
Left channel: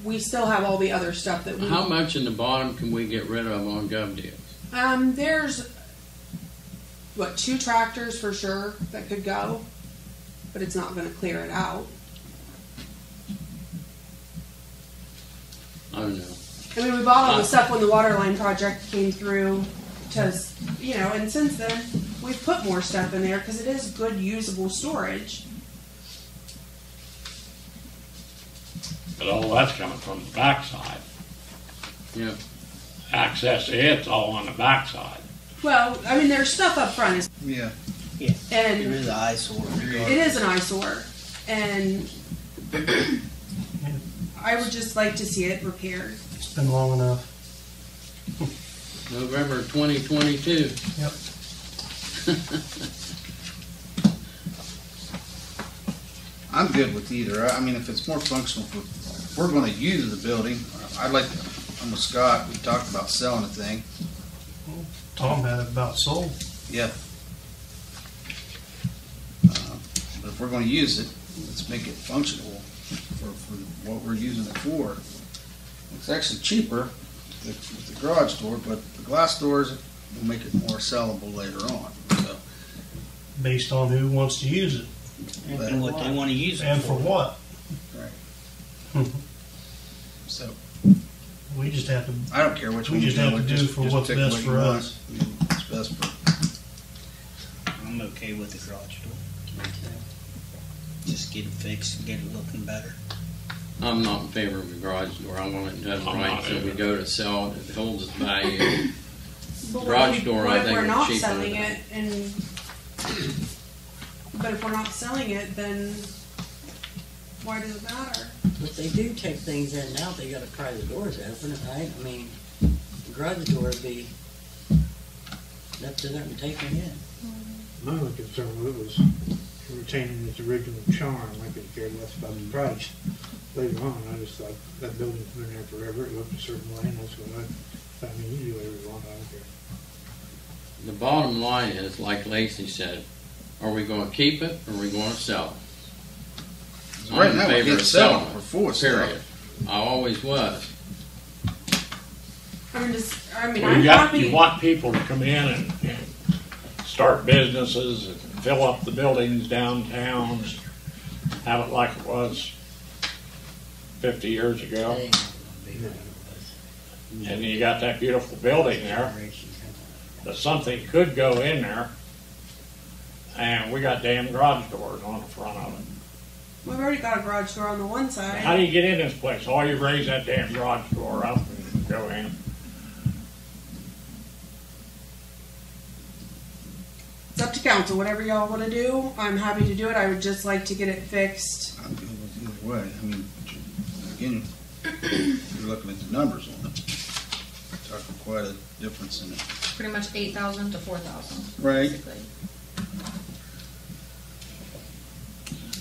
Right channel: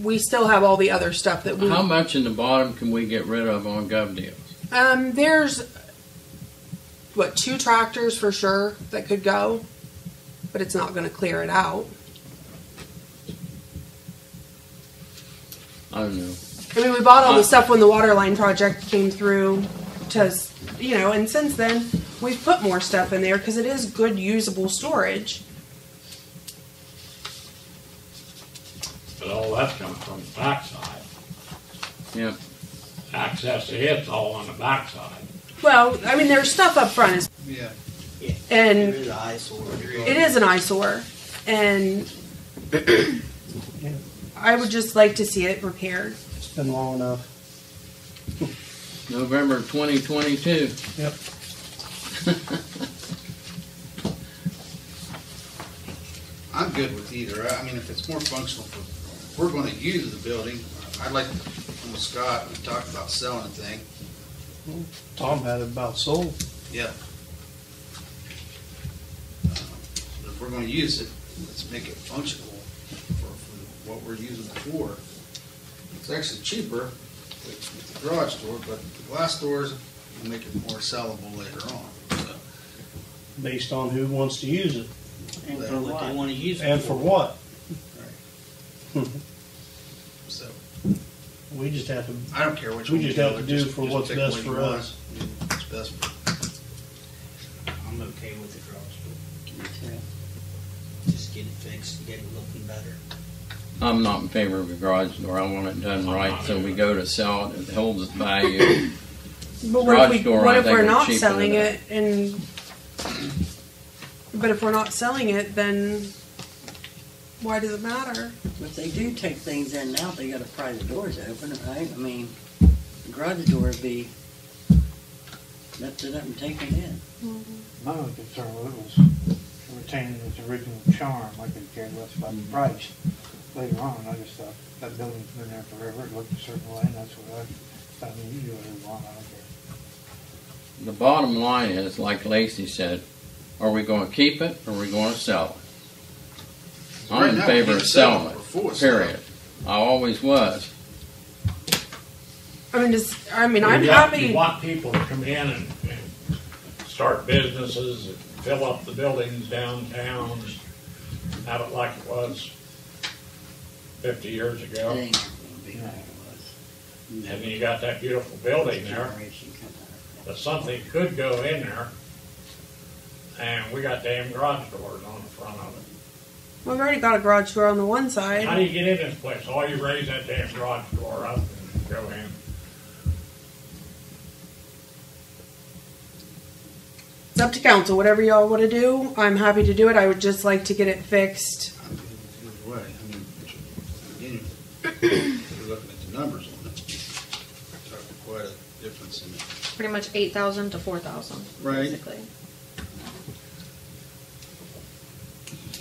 we still have all the other stuff that we. How much in the bottom can we get rid of on Gov Deals? There's 2 tractors for sure that could go, but it's not going to clear it out. I don't know. I mean, we bought all the stuff when the water line project came through, and since then we've put more stuff in there because it is good usable storage. But all that's coming from the backside. Yep. Access to it's all on the backside. Well, I mean, there's stuff up front, Yeah. Yeah. and They're the eyesore. it is an eyesore, and I would just like to see it repaired. It's been long enough. November 2022. Yep. I'm good with either. I mean, if it's more functional for, if we're gonna use the building, I'd like, I'm with Scott, we talked about selling the thing. Tom had it about sold. Yeah. But if we're gonna use it, let's make it functional for what we're using it for. It's actually cheaper with the garage door, but the glass doors will make it more sellable later on. So, Based on who wants to use it And for what they want to use it and for what. right. So, We just have to. I don't care which We one just you have do, to do for what's pick best what for you want. us. It's best for, I'm okay with the garage door. Me too. Just get it fixed and get it looking better. I'm not in favor of the garage door. I want it done I'm right not so we either. go to sell it. It holds its value. But Garage door, what I if think, we're is not cheaper selling than it and but if we're not selling it, then why does it matter? But they do take things in now, they gotta pry the doors open, right? I mean, the garage door would be lifted up and taken in. My only concern with it was retaining its original charm. I could care less about the price. Later on, I just thought that building's been there forever. It looked a certain way, and that's what I mean, you do whatever you want, I don't care. The bottom line is, like Lacey said, are we going to keep it or are we going to sell it? right I'm in now, favor we of can't sell selling it. it, We're forced period. I always was. I'm You happy. want people to come in and start businesses, and fill up the buildings downtown, have it like it was 50 years It ago. ain't gonna be what it was. And then you got that beautiful building there, Generation coming out. that something could go in there, and we got damn garage doors on the front of it. We've already got a garage door on the one How side. do you get in this place? All you raise that damn garage door up and go in. It's up to council. Whatever y'all want to do, I'm happy to do it. I would just like to get it fixed. I'm good with either way. I mean, again, if you're looking at the numbers on it, it's talking quite a difference in it. Pretty much 8,000 to 4,000, Right. basically.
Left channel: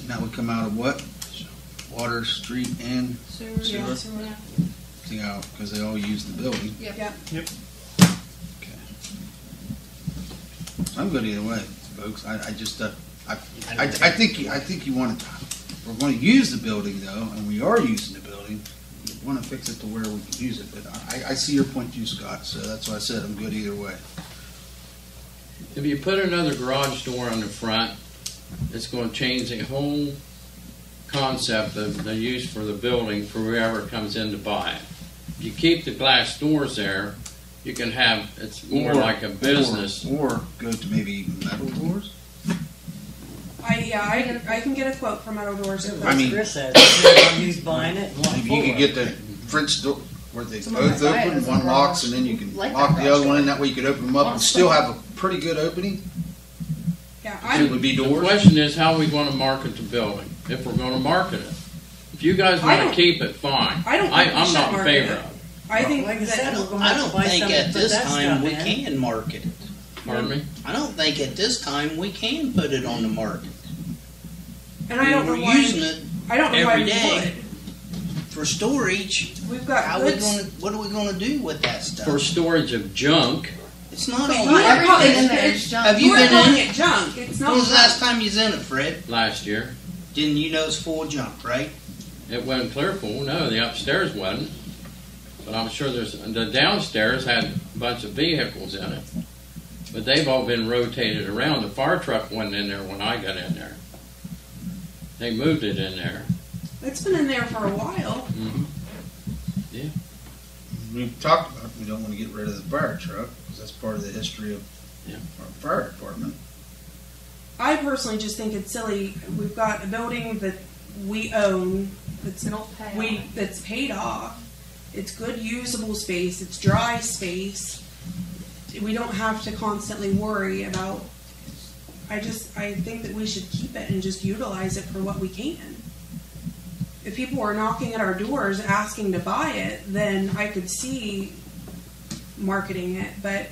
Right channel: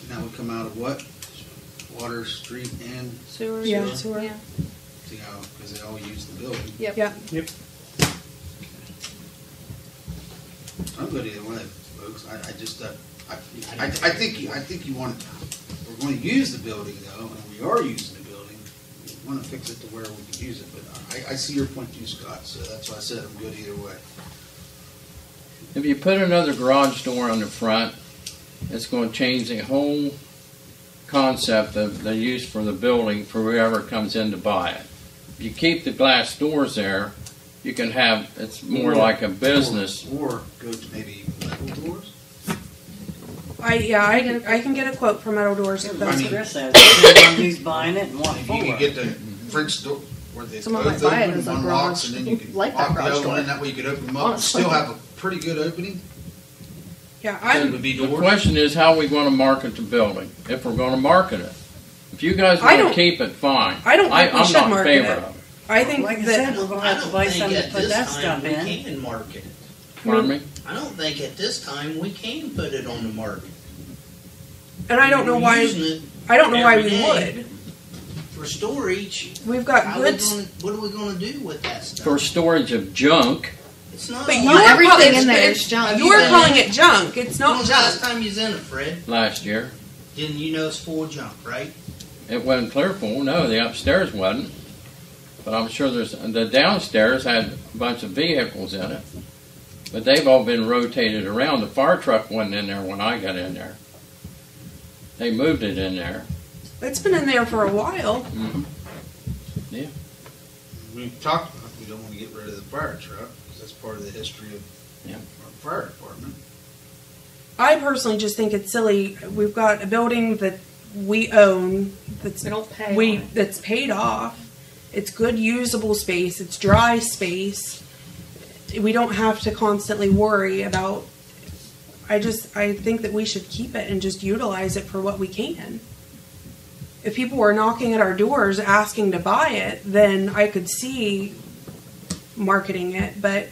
Now we come out of what? Water, street, and, Sewer. Yeah, sewer. sewer. see how, because they all use the building. Yep. Yeah. Okay. I'm good either way, folks. I just, I think you want to, we're going to use the building though, and we are using the building. We want to fix it to where we can use it, but I see your point too, Scott, so that's why I said I'm good either way. If you put another garage door on the front, it's going to change the whole concept of the use for the building for whoever comes in to buy it. If you keep the glass doors there, you can have, it's more like a business. Or go to maybe metal doors? I can get a quote for metal doors if That's that's what Chris said. Depends on who's buying it and what Maybe you for. can get the French door where they Someone both might buy it open, as a one locks, garage. and then you can Like that lock the garage other one, door. and that way you could open them up and still have a pretty good opening. Yeah, It would be The doors. question is, how are we going to market the building? If we're going to market it, if you guys I want to don't- keep it, fine. I don't think we I'm should not in market favor it. of it. I think Like I that said, we're gonna I have to don't buy think something to at put this that time stuff we in. can market it. Pardon me? I don't think at this time we can put it on the market. and I don't know We're why using it I don't know why every we day. would. for storage. We've got How we goods. gonna, what are we going to do with that stuff? For storage of junk, It's not. But all- you're everything calling- in there it's- is junk. Have you You're been calling in? it junk. It's When not was the last junk. time you was in it, Fred? last year, Didn't you know it's full of junk, right? it wasn't clear full. No, the upstairs wasn't. But I'm sure the downstairs had a bunch of vehicles in it. But they've all been rotated around. The fire truck wasn't in there when I got in there. They moved it in there. It's been in there for a while. We talked about we don't want to get rid of the fire truck because that's part of the history of Yeah. our fire department. I personally just think it's silly. We've got a building that we own that's We don't pay on it. that's paid off. It's good usable space. It's dry space. We don't have to constantly worry about. I think that we should keep it and just utilize it for what we can. if people were knocking at our doors asking to buy it, then I could see marketing it. But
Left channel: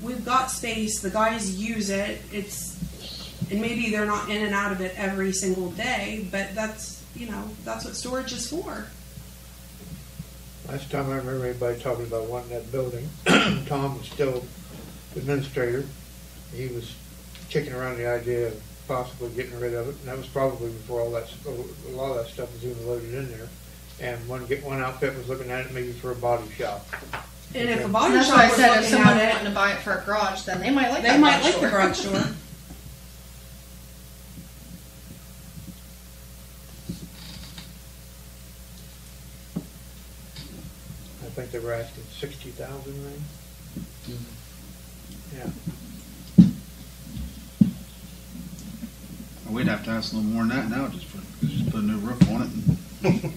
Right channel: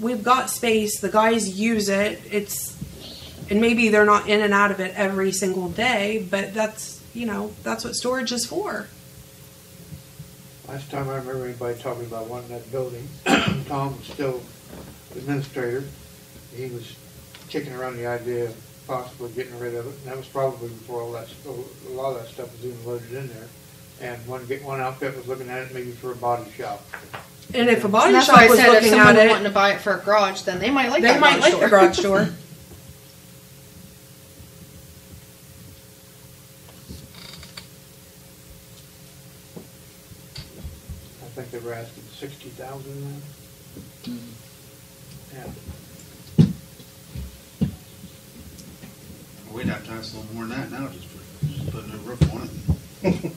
we've got space. The guys use it. And maybe they're not in and out of it every single day, but that's what storage is for. Last time I remember everybody talking about wanting that building, Tom was still administrator. He was kicking around the idea of possibly getting rid of it, and that was probably before a lot of that stuff was even loaded in there. And one outfit was looking at it maybe for a body shop. And if a body that's shop why I was said if looking someone at wanting it, to buy it for a garage, then they might like they that might like store. the garage door. I think they were asking $60,000 then. Yeah. We'd have to ask a little more than that now, just put a new roof on it.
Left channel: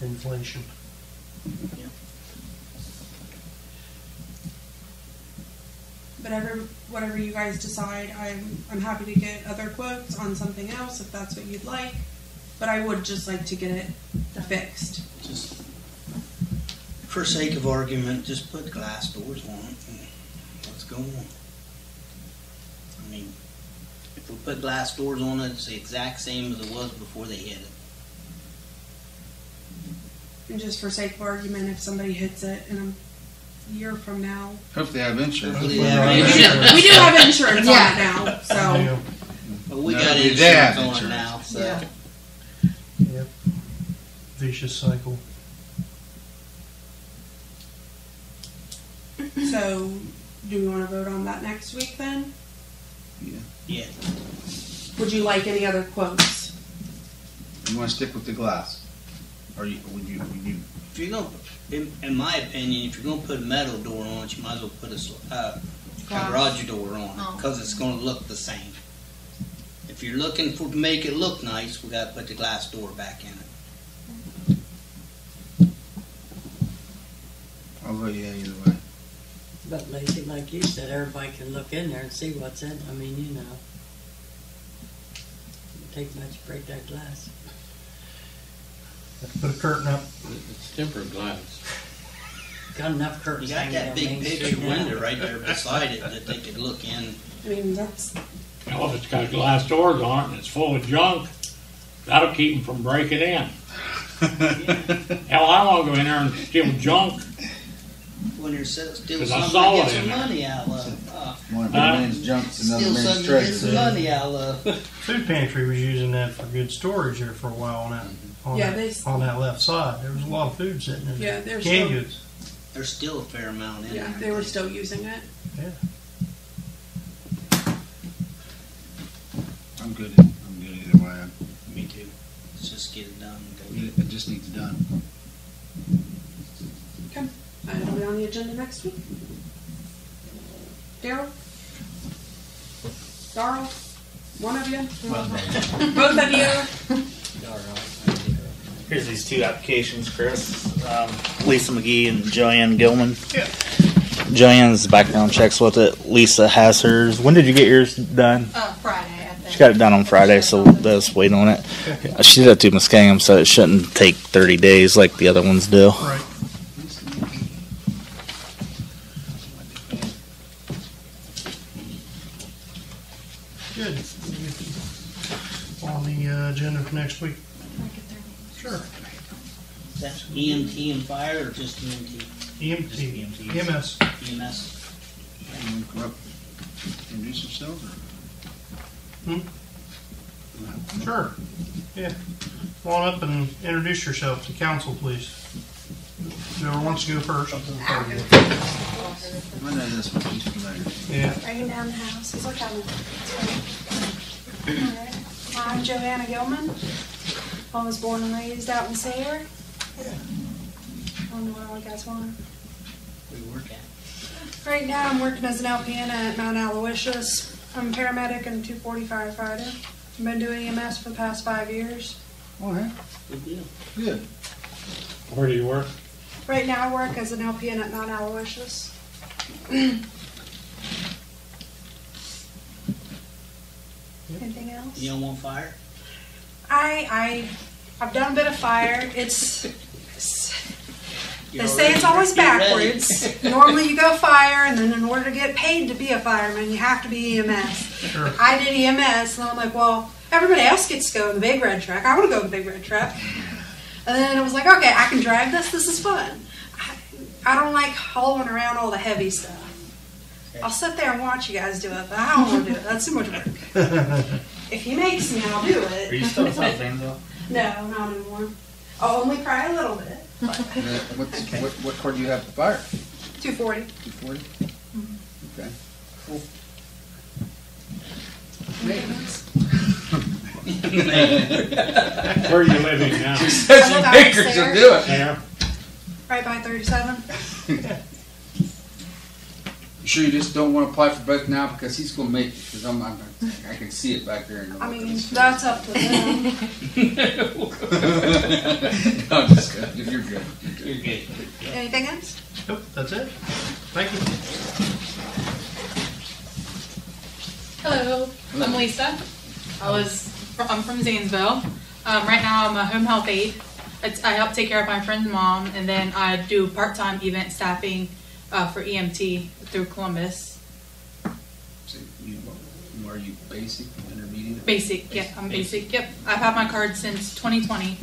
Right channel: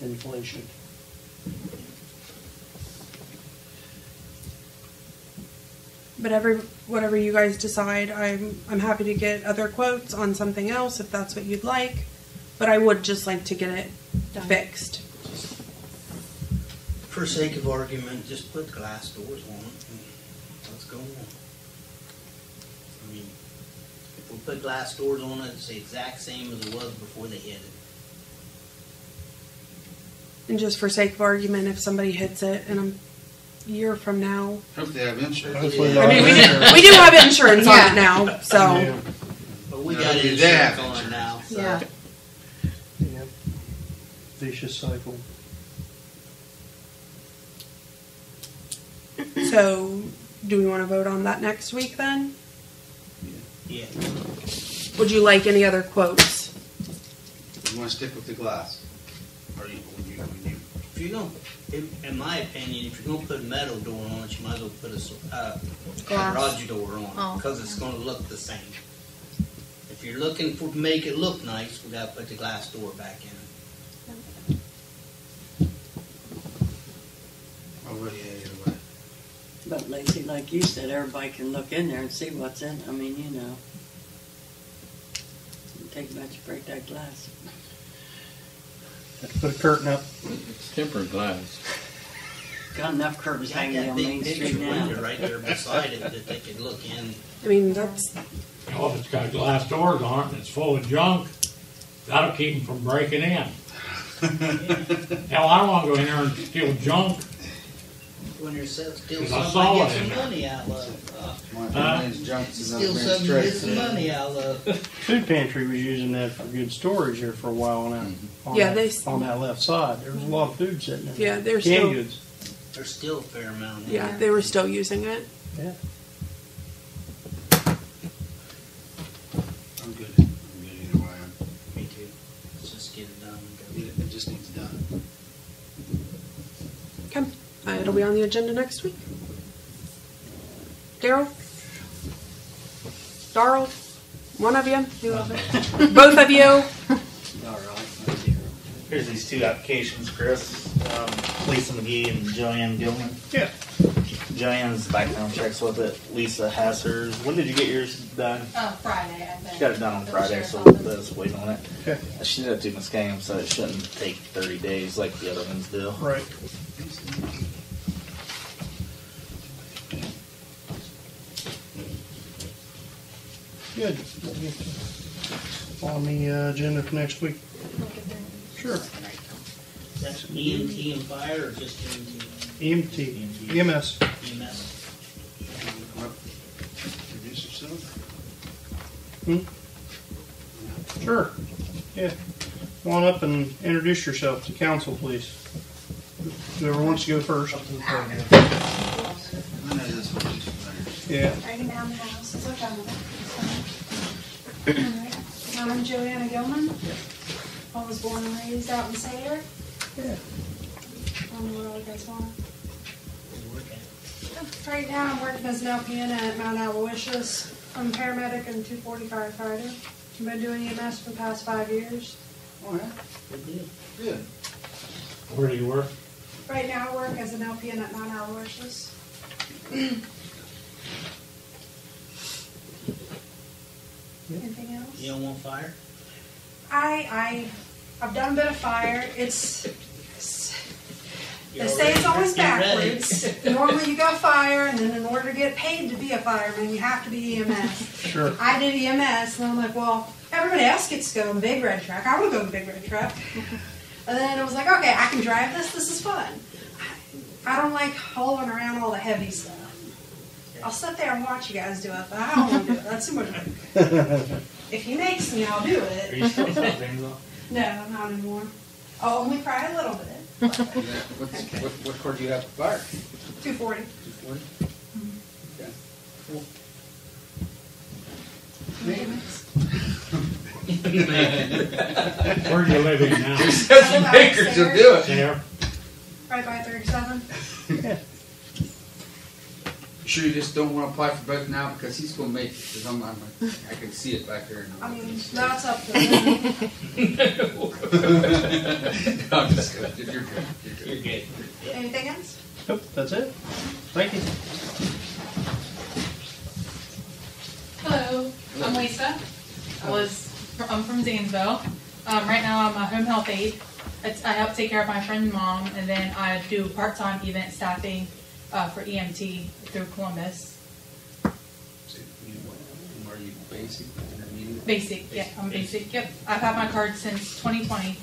Inflation. But whatever you guys decide, I'm happy to get other quotes on something else if that's what you'd like. But I would just like to get it fixed. Just for sake of argument, just put glass doors on it and let's go on. I mean, if we put glass doors on it, it's the exact same as it was before they hit it. And just for sake of argument, if somebody hits it in a year from now, Hopefully they have insurance. Hopefully Yeah. they have insurance. we do have insurance on it now, so. Yeah. But we No, got they insurance have on it insurance. now, so. Yeah. Yep. Vicious cycle. So, do we want to vote on that next week then? Yeah. Would you like any other quotes? You want to stick with the glass? Or would you If you're gonna, in my opinion, if you're gonna put a metal door on it, you might as well put a garage door on it, because it's gonna look the same. If you're looking to make it look nice, we gotta put the glass door back in it. I'll vote yeah either way. But like you said, everybody can look in there and see what's in. I mean, it take much to break that glass. Have to put a curtain up. It's tempered glass. Got enough You curtains got hanging that on big Main picture Street now. window right there beside it that they could look in. I mean, that's, Well, if it's got glass doors on it and it's full of junk, that'll keep them from breaking in. Hell, I don't want to go in there and steal junk. When there's still 'Cause I something saw to it get some in there. money out of. One of man's junk's another Steal man's something to get some treasure. money out of. Food pantry was using that for good storage there for a while on that. On Yeah, that, on that left side, there was a lot of food sitting in there. yeah, they're Canned still, goods. There's still a fair amount in yeah, there. they were still using it. Yeah. I'm good either way. Me too. Let's just get it done. and go. It just needs done. Okay, it'll be on the agenda next week. Daryl? Darrell? One of you? Both of you? Here's these two applications, Chris. Lisa McGee and Joanne Gilman. Yeah. Joanne's background checks with it. Lisa has hers. When did you get yours done? Friday, I think. She got it done on Friday, so let's wait on it. She did that to Muskingum, so it shouldn't take 30 days like the other ones do. Right. Good. On the agenda for next week. Sure. That's EMT and fire or just EMT? EMT. EMS. EMS. Introduce yourself. Sure. Yeah. Come on up and introduce yourself to council, please. Whoever wants to go first. I know this one. She's familiar. Yeah. Breaking down the house. It's okay. Alright. I'm Joanna Gilman. I was born and raised out in Sayre. Yeah. I don't know where all you guys want. We work at. Right now I'm working as an LPN at Mount Aloysius. I'm a paramedic and 240 firefighter. I've been doing EMS for the past 5 years. All right. Good deal. Good. Where do you work? Right now I work as an LPN at Mount Aloysius. Anything else? You don't want fire? I've done a bit of fire. They say it's always backwards. Normally you go fire, and then in order to get paid to be a fireman, you have to be EMS. Sure. I did EMS, and I'm like, well, everybody else gets to go on the big red truck. I want to go on the big red truck. And then it was like, okay, I can drive this. This is fun. I don't like hauling around all the heavy stuff. I'll sit there and watch you guys do it, but I don't want to do it. That's too much work. If he makes me, I'll do it. Are you still at South Zanesville? No, not anymore. I'll only cry a little bit. What cord do you have for fire? 240. 240? Okay. Where are you living now? Says you make her to do it. There. Right by 37. You sure you just don't want to apply for both now because he's going to make it? Because I can see it back there. I mean, that's up to them. No, I'm just kidding. You're good. You're good. Anything else? Nope, that's it. Thank you. Hello, I'm Lisa. I'm from Zanesville. Right now I'm a home health aide. I help take care of my friend's mom, and then I do part-time event staffing for EMT through Columbus. So are you basic, intermediate? Basic, yeah, I'm basic. Yep, I've had my card since 2020.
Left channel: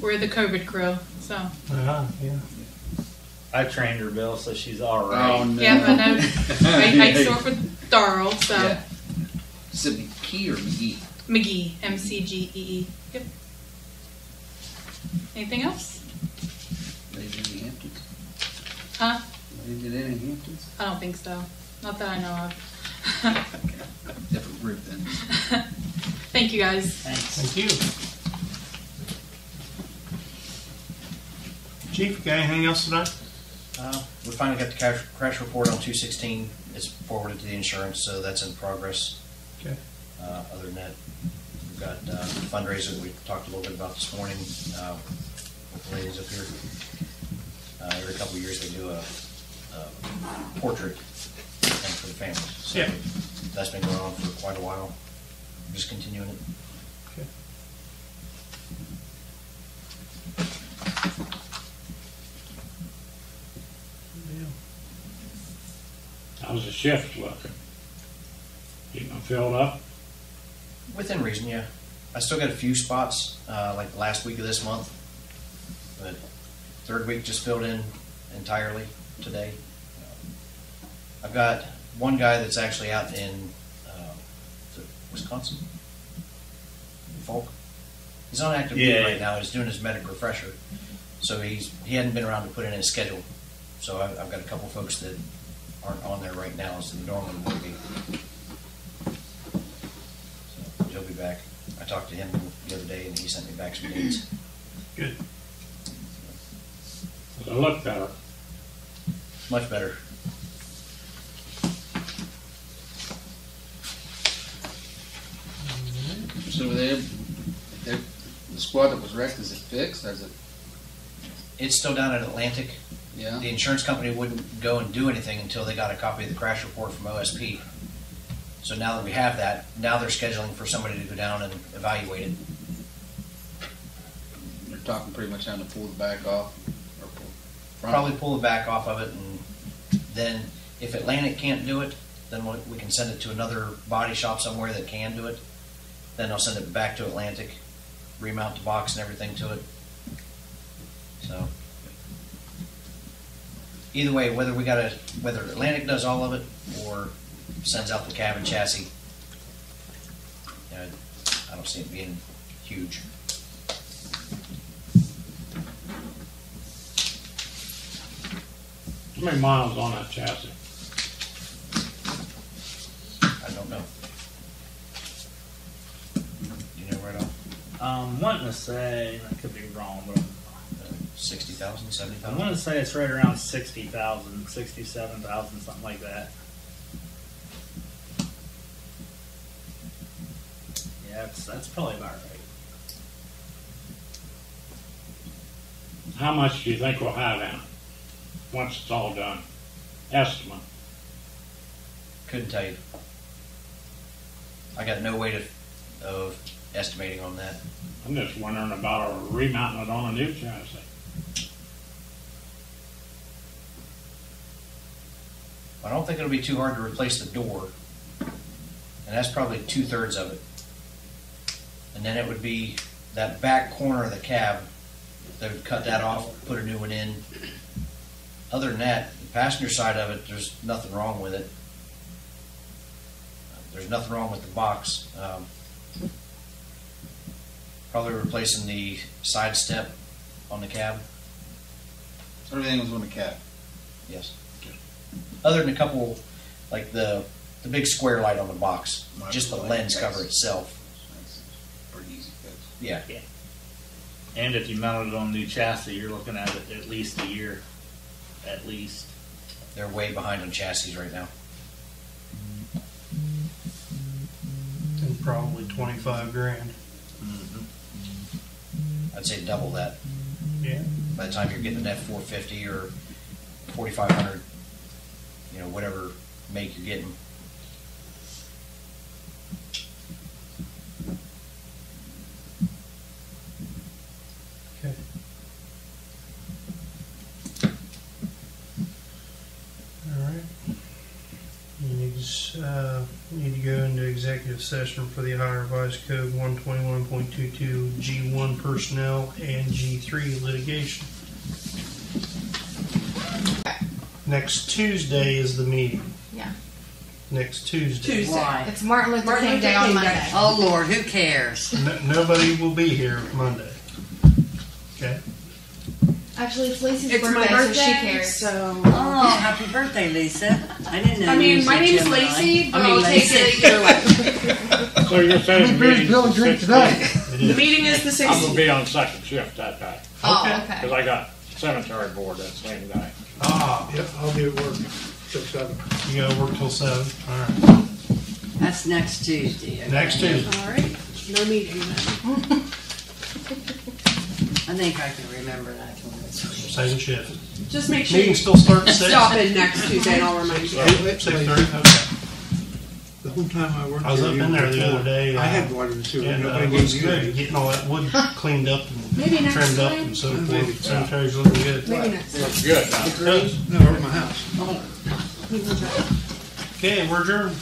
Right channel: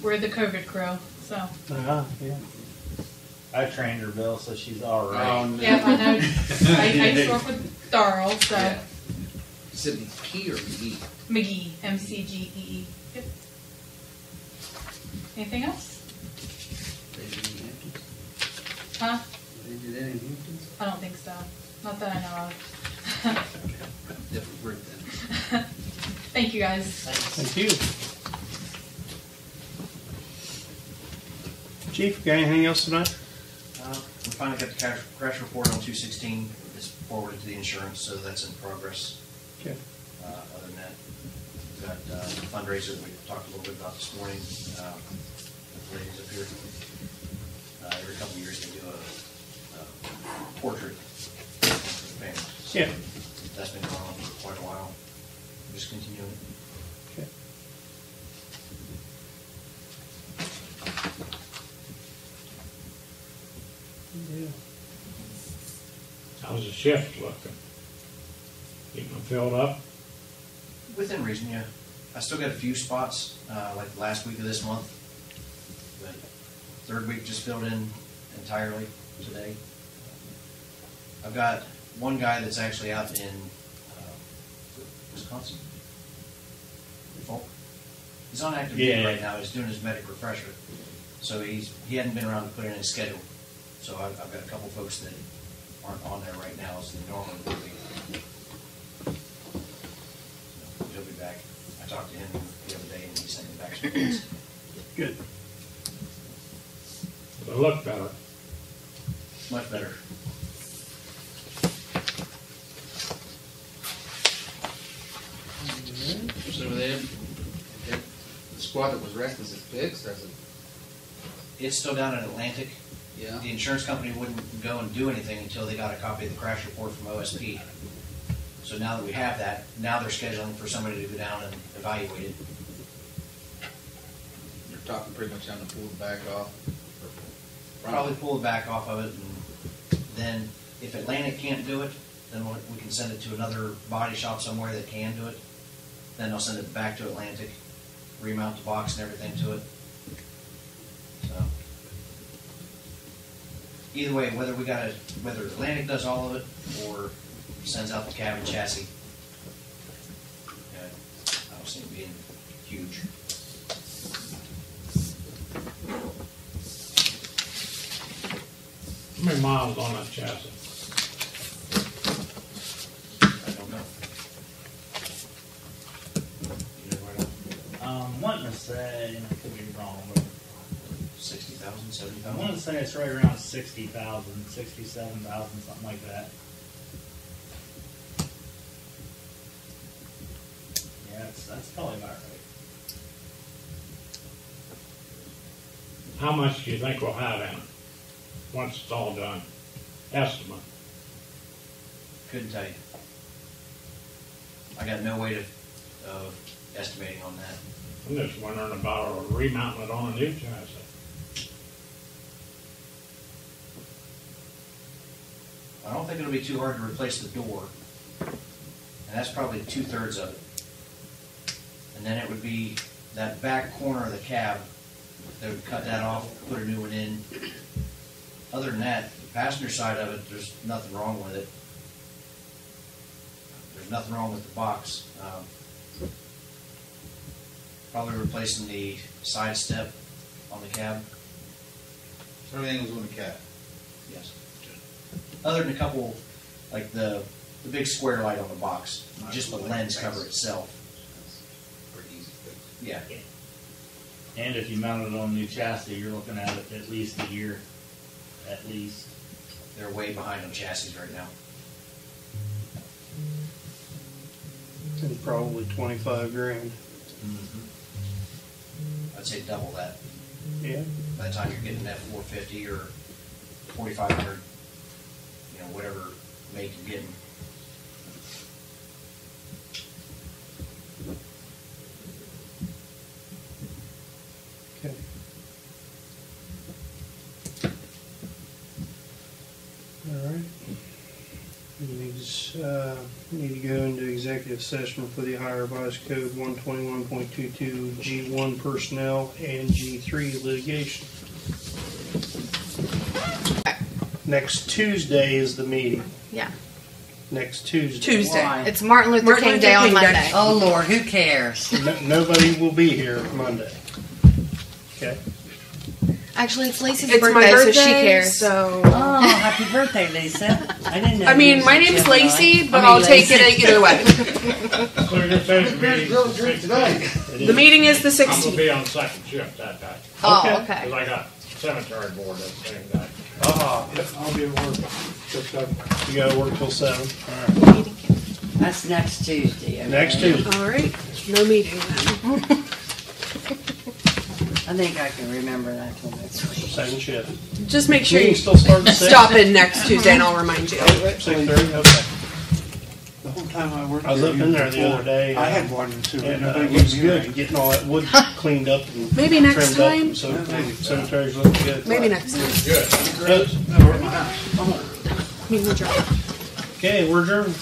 We're the COVID crew, so. Yeah. I trained her, Bill, so she's all right. Oh, no. Yeah, I know. I used to work with Darrell, so. Yeah. Is it McKee or McGee? McGee, MCGEE. Yep. Anything else? They did any Hamptons? Huh? They did any Hamptons? I don't think so. Not that I know of. Different group then. Thank you guys. Thank you. Chief, got anything else tonight? We finally got the crash report on 216. It's forwarded to the insurance, so that's in progress. Okay. Other than that, we've got fundraiser we talked a little bit about this morning with the ladies up here. Every couple of years they do a portrait thing for the family. So Yeah. that's been going on for quite a while. Just continuing it. Okay. How's the shift looking? Getting them filled up? Within reason, yeah. I still got a few spots, like the last week of this month, but third week just filled in entirely today. I've got one guy that's actually out in Wisconsin, Folk. He's on active duty right now. He's doing his medic refresher, so he hadn't been around to put in his schedule. So I've got a couple folks that aren't on there right now, as they normally would be. So he'll be back. I talked to him the other day, and he sent me back some dates. Good. It'll look better. Much better. So the squad that was wrecked, is it fixed? Or is it? It's still down in Atlantic. Yeah. The insurance company wouldn't go and do anything until they got a copy of the crash report from OSP. So now that we have that, now they're scheduling for somebody to go down and evaluate it. You're talking pretty much having to pull the back off? Or Probably pull the back off of it, and then if Atlantic can't do it, then we can send it to another body shop somewhere that can do it. Then they'll send it back to Atlantic, remount the box and everything to it. So either way, whether Atlantic does all of it or sends out the cab and chassis, I don't see it being huge. How many miles on that chassis? I don't know. You know right on? Wanting to say, I could be wrong, but 60,000, I 70,000? want to say it's right around 60,000, 67,000, something like that. Yeah, that's probably about right. How much do you think we'll have in it once it's all done? Estimate. Couldn't tell you. I got no way of estimating on that. I'm just wondering about remounting it on a new chassis. I don't think it'll be too hard to replace the door, and that's probably 2/3 of it. And then it would be that back corner of the cab. They would cut that off, put a new one in. Other than that, the passenger side of it, there's nothing wrong with it. There's nothing wrong with the box. Probably replacing the side step on the cab. Everything was on the cab. Yes. Other than a couple, like the big square light on the box, just the lens cover itself. That's pretty easy fix. Yeah. And if you mounted it on a new chassis, you're looking at it at least a year. At least. They're way behind on chassis right now. And probably 25 grand. I'd say double that. Yeah. By the time you're getting an F450 or 4500, you know, whatever make you're getting. Okay. All right. You need to go into executive session for the Ohio Revised Code 121.22 G1 personnel and G3 litigation. Next Tuesday is the meeting. Yeah. Next Tuesday. Tuesday. Why? It's Martin Luther King Day on Monday. Oh Lord, who cares? Nobody will be here Monday. Okay. Actually, it's Lacey's It's birthday, my birthday, so she cares. So. Oh, happy birthday, Lisa. I didn't know. I you mean, was my a name's Gemini. Lacey, but I mean, I'll take Lacey. it either way. So you're saying the meeting's Bill the drink 16th? today. The meeting is the I'm gonna 16th. be on second shift that day, Oh, Okay. okay. because I got cemetery board that same day. Ah, Yep, I'll be at work till 7. you gotta work till 7. All right. That's next Tuesday. Okay? Next Tuesday. All right. No meeting then. I think I can remember that till next week. Second shift. Just make sure Meeting you still starts at 6. stop in next Tuesday and I'll remind you. 6:30. Okay. The whole time I worked I was up in there the other day. I had water and sewer. And Nobody it looks gave me good. any. Getting all that wood cleaned up and Maybe next trimmed up time. and so forth. Cemetery's looking good. Maybe next time. Good. It does. No, at my house. We will drive. Okay, we're adjourned.